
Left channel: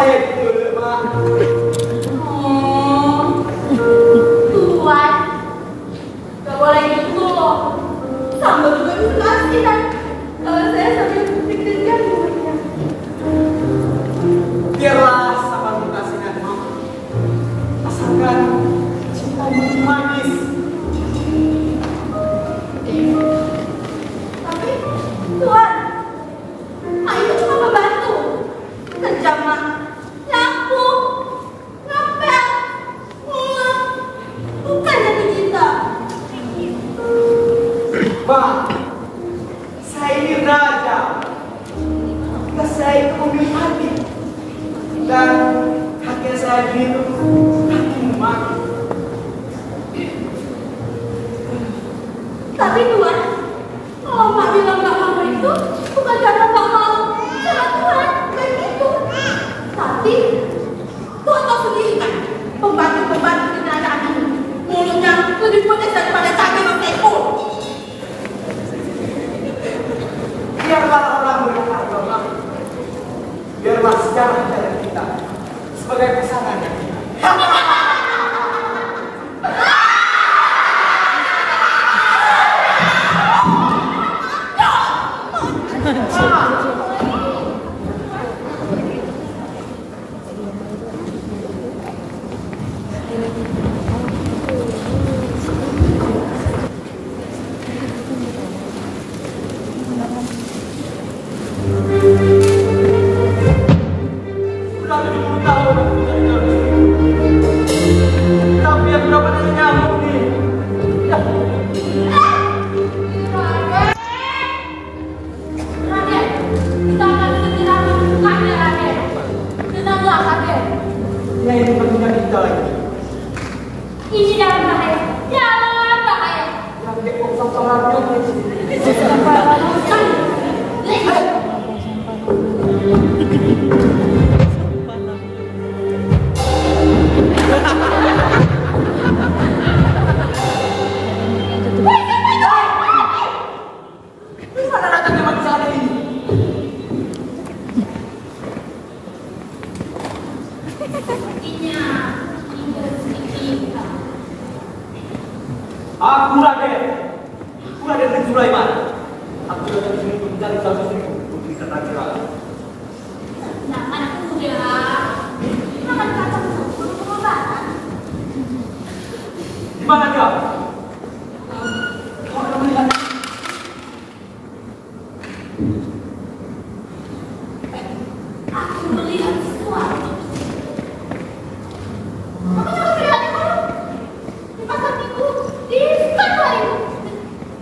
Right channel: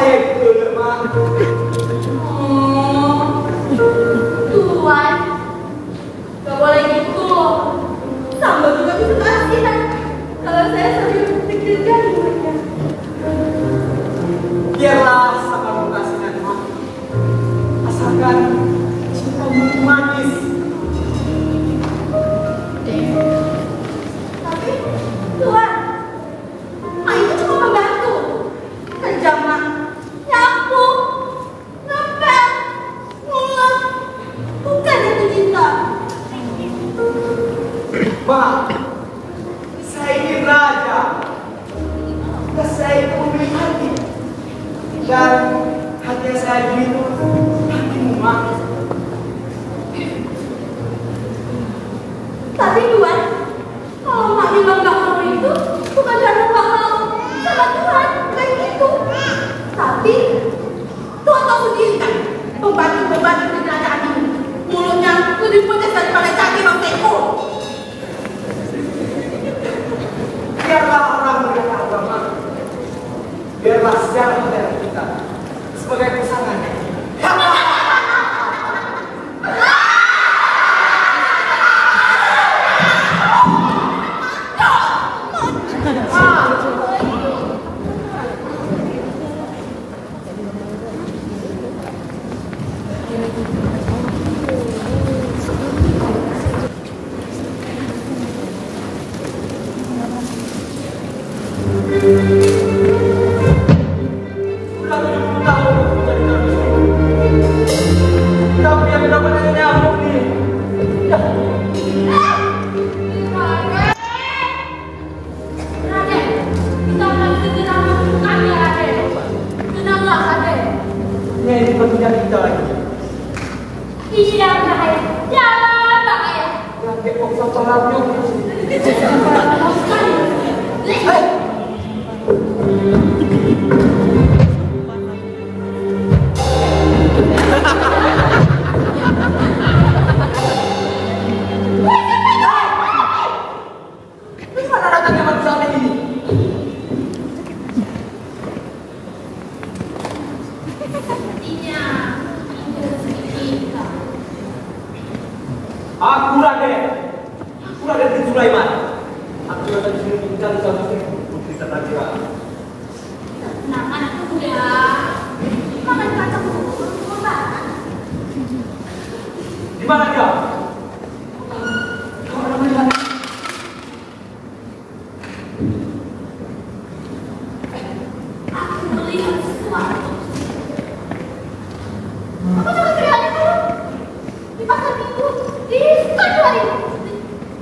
saya gitu, Mak. Tuan, gak boleh gitu. Sambal juga bisa keasinan kalau saya sambil pikirkan rumahnya. Biarlah sama kasihan, Mak. Asalkan cintamu manis. Tapi, Tuan, Mak itu cuma membantu. Kerja Mak, nyapu, ngepel, ngulek, bukan jatuh cinta. Mak, saya ini raja. Dan saya itu memiliki hati. Dan hati saya itu hatimu, Mak. Tapi Tuan, kalau Mak bilang gak mau itu, bukan karena Mak mau sama Tuhan, bukan gitu. Tapi, Tuhan tahu sendiri kan, pembantu-pembantu kerajaan ini, mulutnya lebih pedas daripada cabai Bang Teko. Biarlah orang berharga, Mak. Biarlah sejarah kita sebagai pesanannya. Sudah 70 tahun aku jadi nabi. Tapi yang dapat hanya nyamuk nih. Ya. Raden, kita akan segera membukanya, Raden. Tenanglah, Raden. Ini pekerjaan kita lagi. Ini dalam bahaya, dalam bahaya. Yang kekok sama radio. Mana raja zaman saat ini? Sepertinya ini rezeki kita. Aku Raden bin Sulaiman. Aku datang ke sini mencari satu putri Tadakira. Tenang dulu ya. Makan kacang dulu, pengobatan. Di mana dia? Kau ada melihat? Aku melihat sesuatu. Aku juga melihat kamu di pasar minggu di Skyway.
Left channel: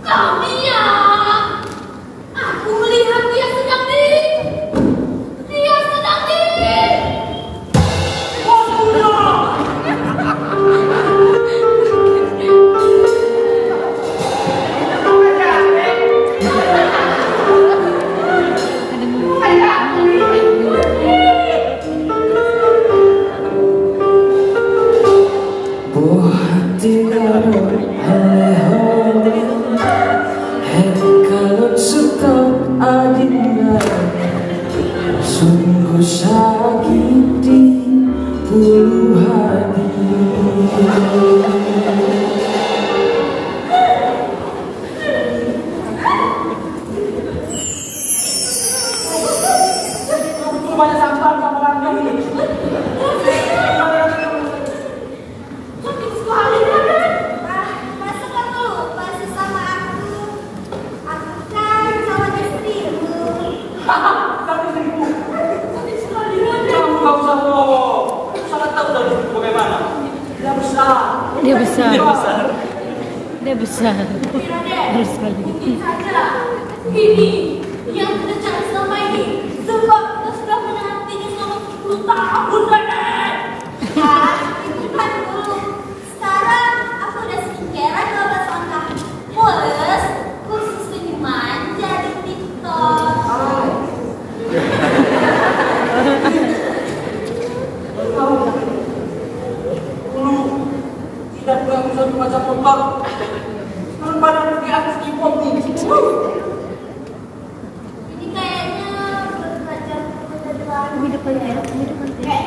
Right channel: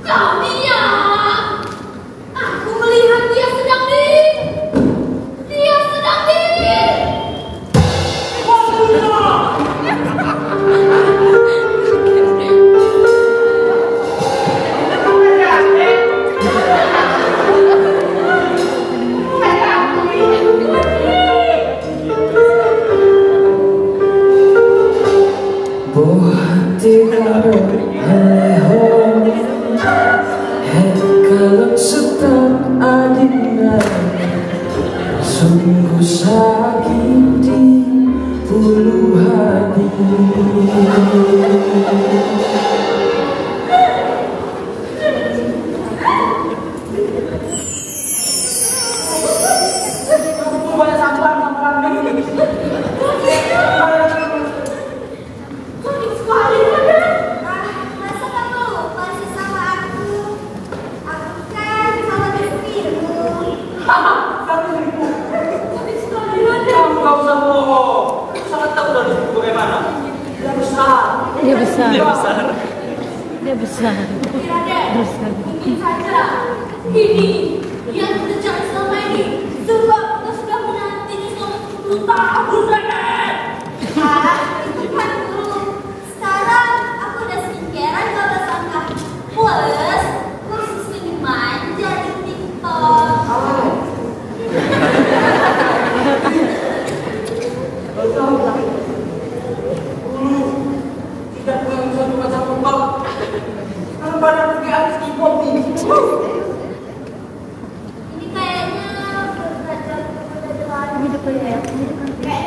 Kau lihat? Aku melihat dia sedang di. Sungguh sakiti bulu hati. Kamu banyak sampah sama orang ini. Cantik sekali, Raden. Masa kamu masih sama aku? Aku kan sama istrimu. Kamu istrimu. Cantik sekali, Raden. Kamu gak usah bohong. Sangat tahu dari bagaimana. Dia besar. Dia besar. Dia besar. Dia besar. Tapi Raden, Besar. mungkin saja ini yang kita cari selama ini. Sebab kita sudah menantinya selama 10 tahun, Raden. Itu kan dulu. Sekarang aku udah singkiran gak bersangka. Plus, kursus ini manja di TikTok. Tahu tak? Dulu tidak pernah bisa membaca motor. Sekarang badan pergi habis kipom nih. Ini kayaknya berderajat Ini depan ya. Ini depan. kayak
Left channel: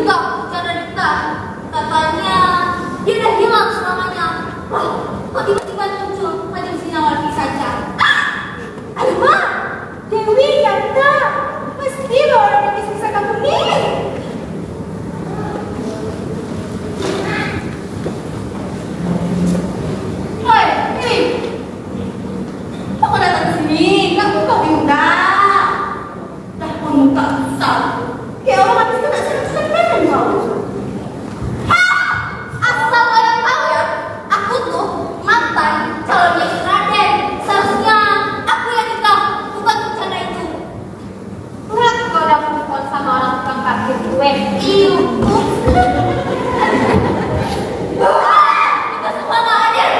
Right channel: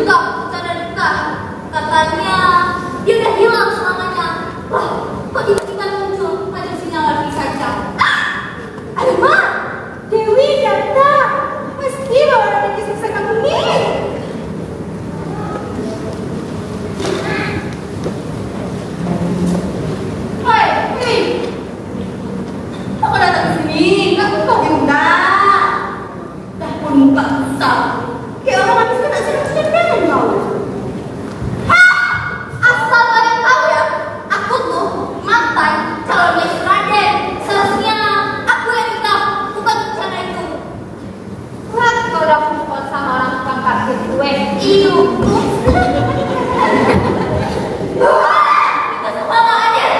juga cara dekat. Katanya dia udah hilang selamanya. Wah, kok tiba-tiba muncul Kanjeng Sinar lagi saja. Alamak, Dewi datang. Pasti orang yang kisah kamu nih. Hei, kamu datang ke sini, kamu kok diundang. Dah pun muka besar, kayak orang habis kena senang-senang kau. Hah, asal kalian tahu ya, aku tuh mantan calonnya si Raden. Seharusnya aku yang nikah, bukan rencana itu. Lihat kau udah move sama orang tukang parkir gue. Iyo. Kita semua gak adil.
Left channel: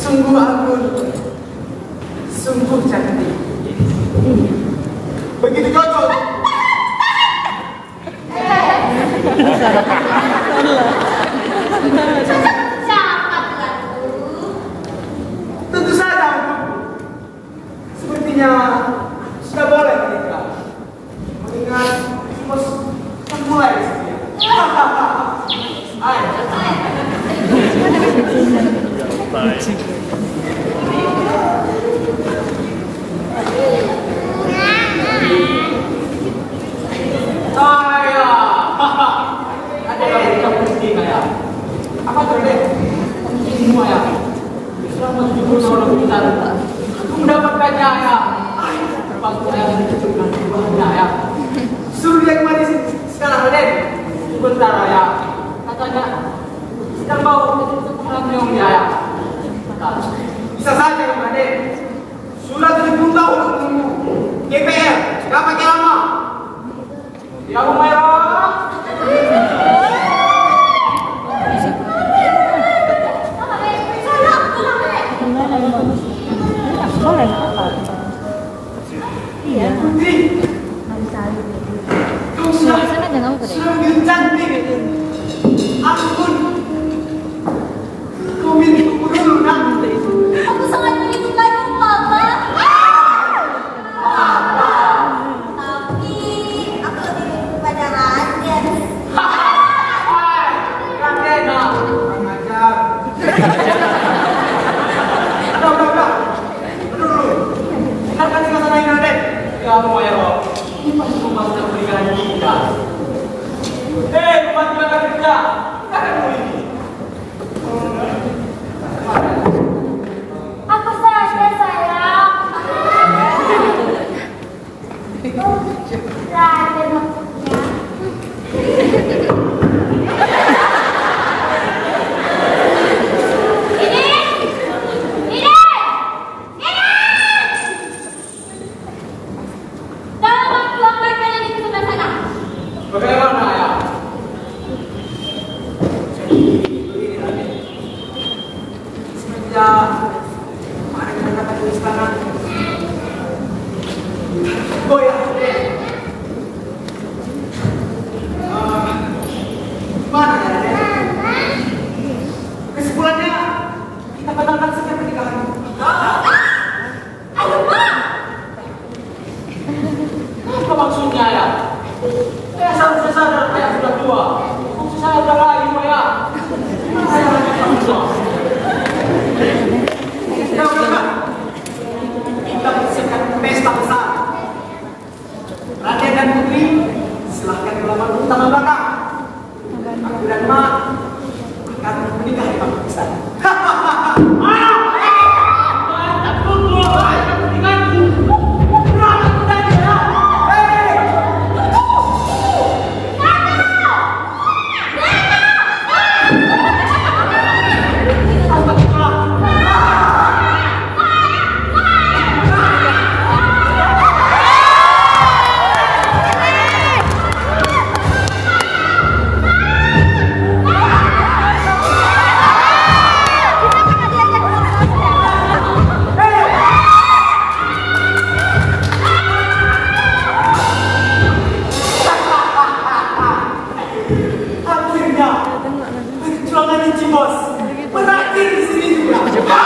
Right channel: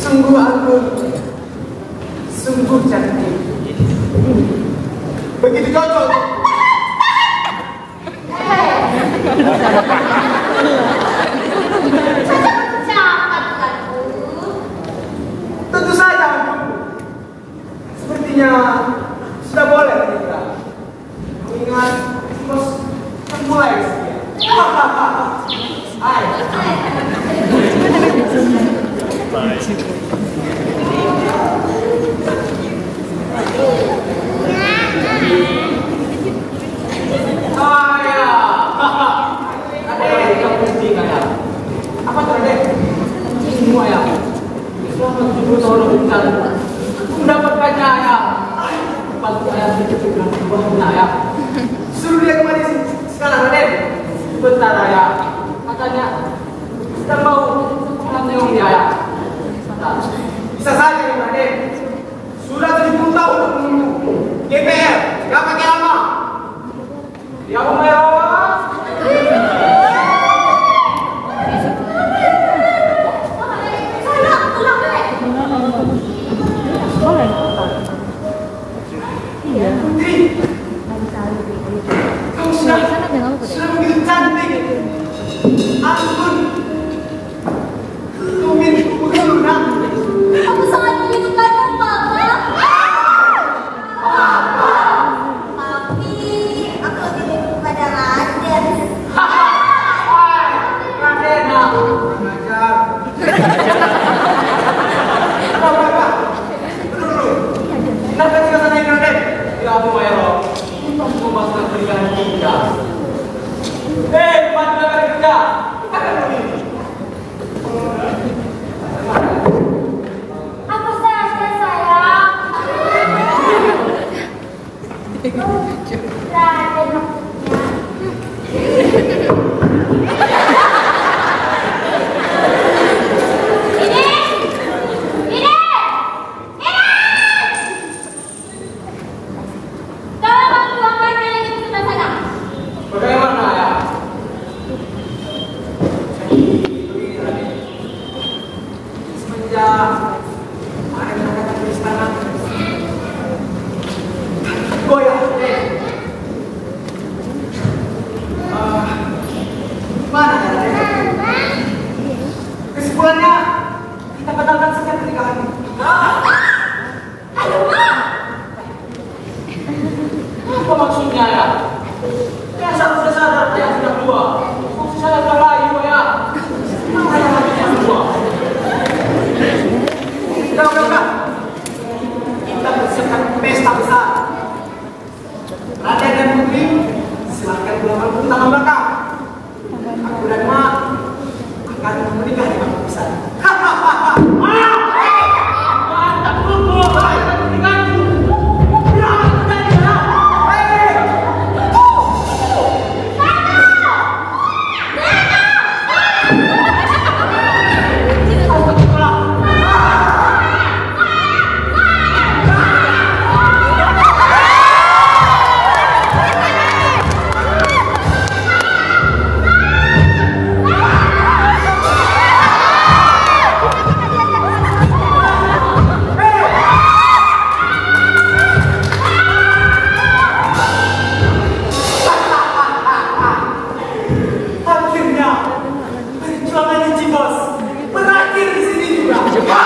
Sungguh ampun, sungguh cantik. Begitu cocok. Siapa tuh? Tentu saja, sepertinya sudah boleh menikah. Mengingat bos kan mulai setia. Ayo. Apa tuh deh? Semua ya. Selama 70 tahun aku bicara, aku mendapatkannya ya. Pas ayah itu dengan buahnya ya. Suruh dia kemari sekarang Raden. Bentar ya. Katanya kita mau mengambil dia ya. Bisa saja Raden. Sudah 70 tahun aku menunggu. GPR, nggak pakai lama. Ya merah. Putri, kau sudah begitu cantik. Ampun, kau minta dulu nanti. Aku sangat merindukanmu, Papa. Tapi aku lebih rindu pada Raden. Raden, kurang ajar. Apa? Dulu, kenapa kita tanya Raden? Kamu ya Rob, pas pembahasan pernikahan kita. Pas pernikahan kita, kita akan begini. Apa saja sayang? Raden maksudnya. Bagaimana ya? Semenjak ada kata-kata di istana, goyah deh. Gimana ya deh? Kesimpulannya kita batalkan saja pernikahan. Apa maksudnya ya? Saya seharusnya sadar ayah sudah tua. Maksud saya sudah layu ya. Ayah lagi tua. Udah. Kita persiapkan pesta besar. Raden dan Putri, silahkan pulang tangan belakang. Aku dan Mak akan menikah di panggung besar. Mantap dulu, pernikahanku. hadir di sini juga.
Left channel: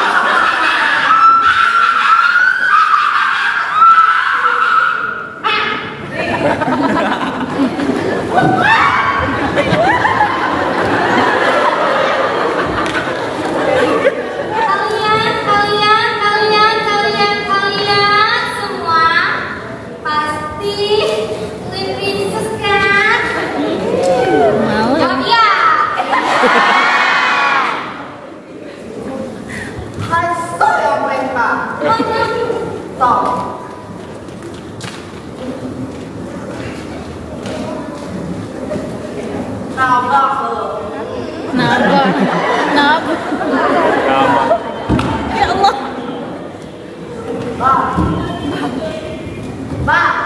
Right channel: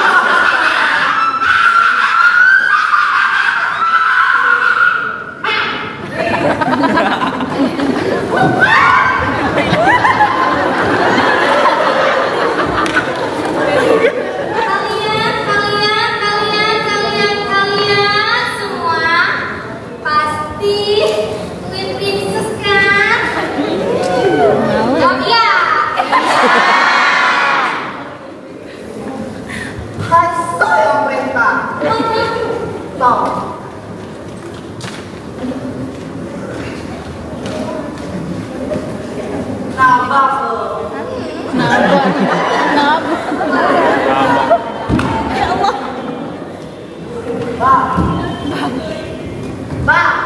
Kalian semua pasti Queen Princess kan? Jawab ya. Hai saya mereka. Tahu. Nabak loh. Ya Allah. Bang. Bang.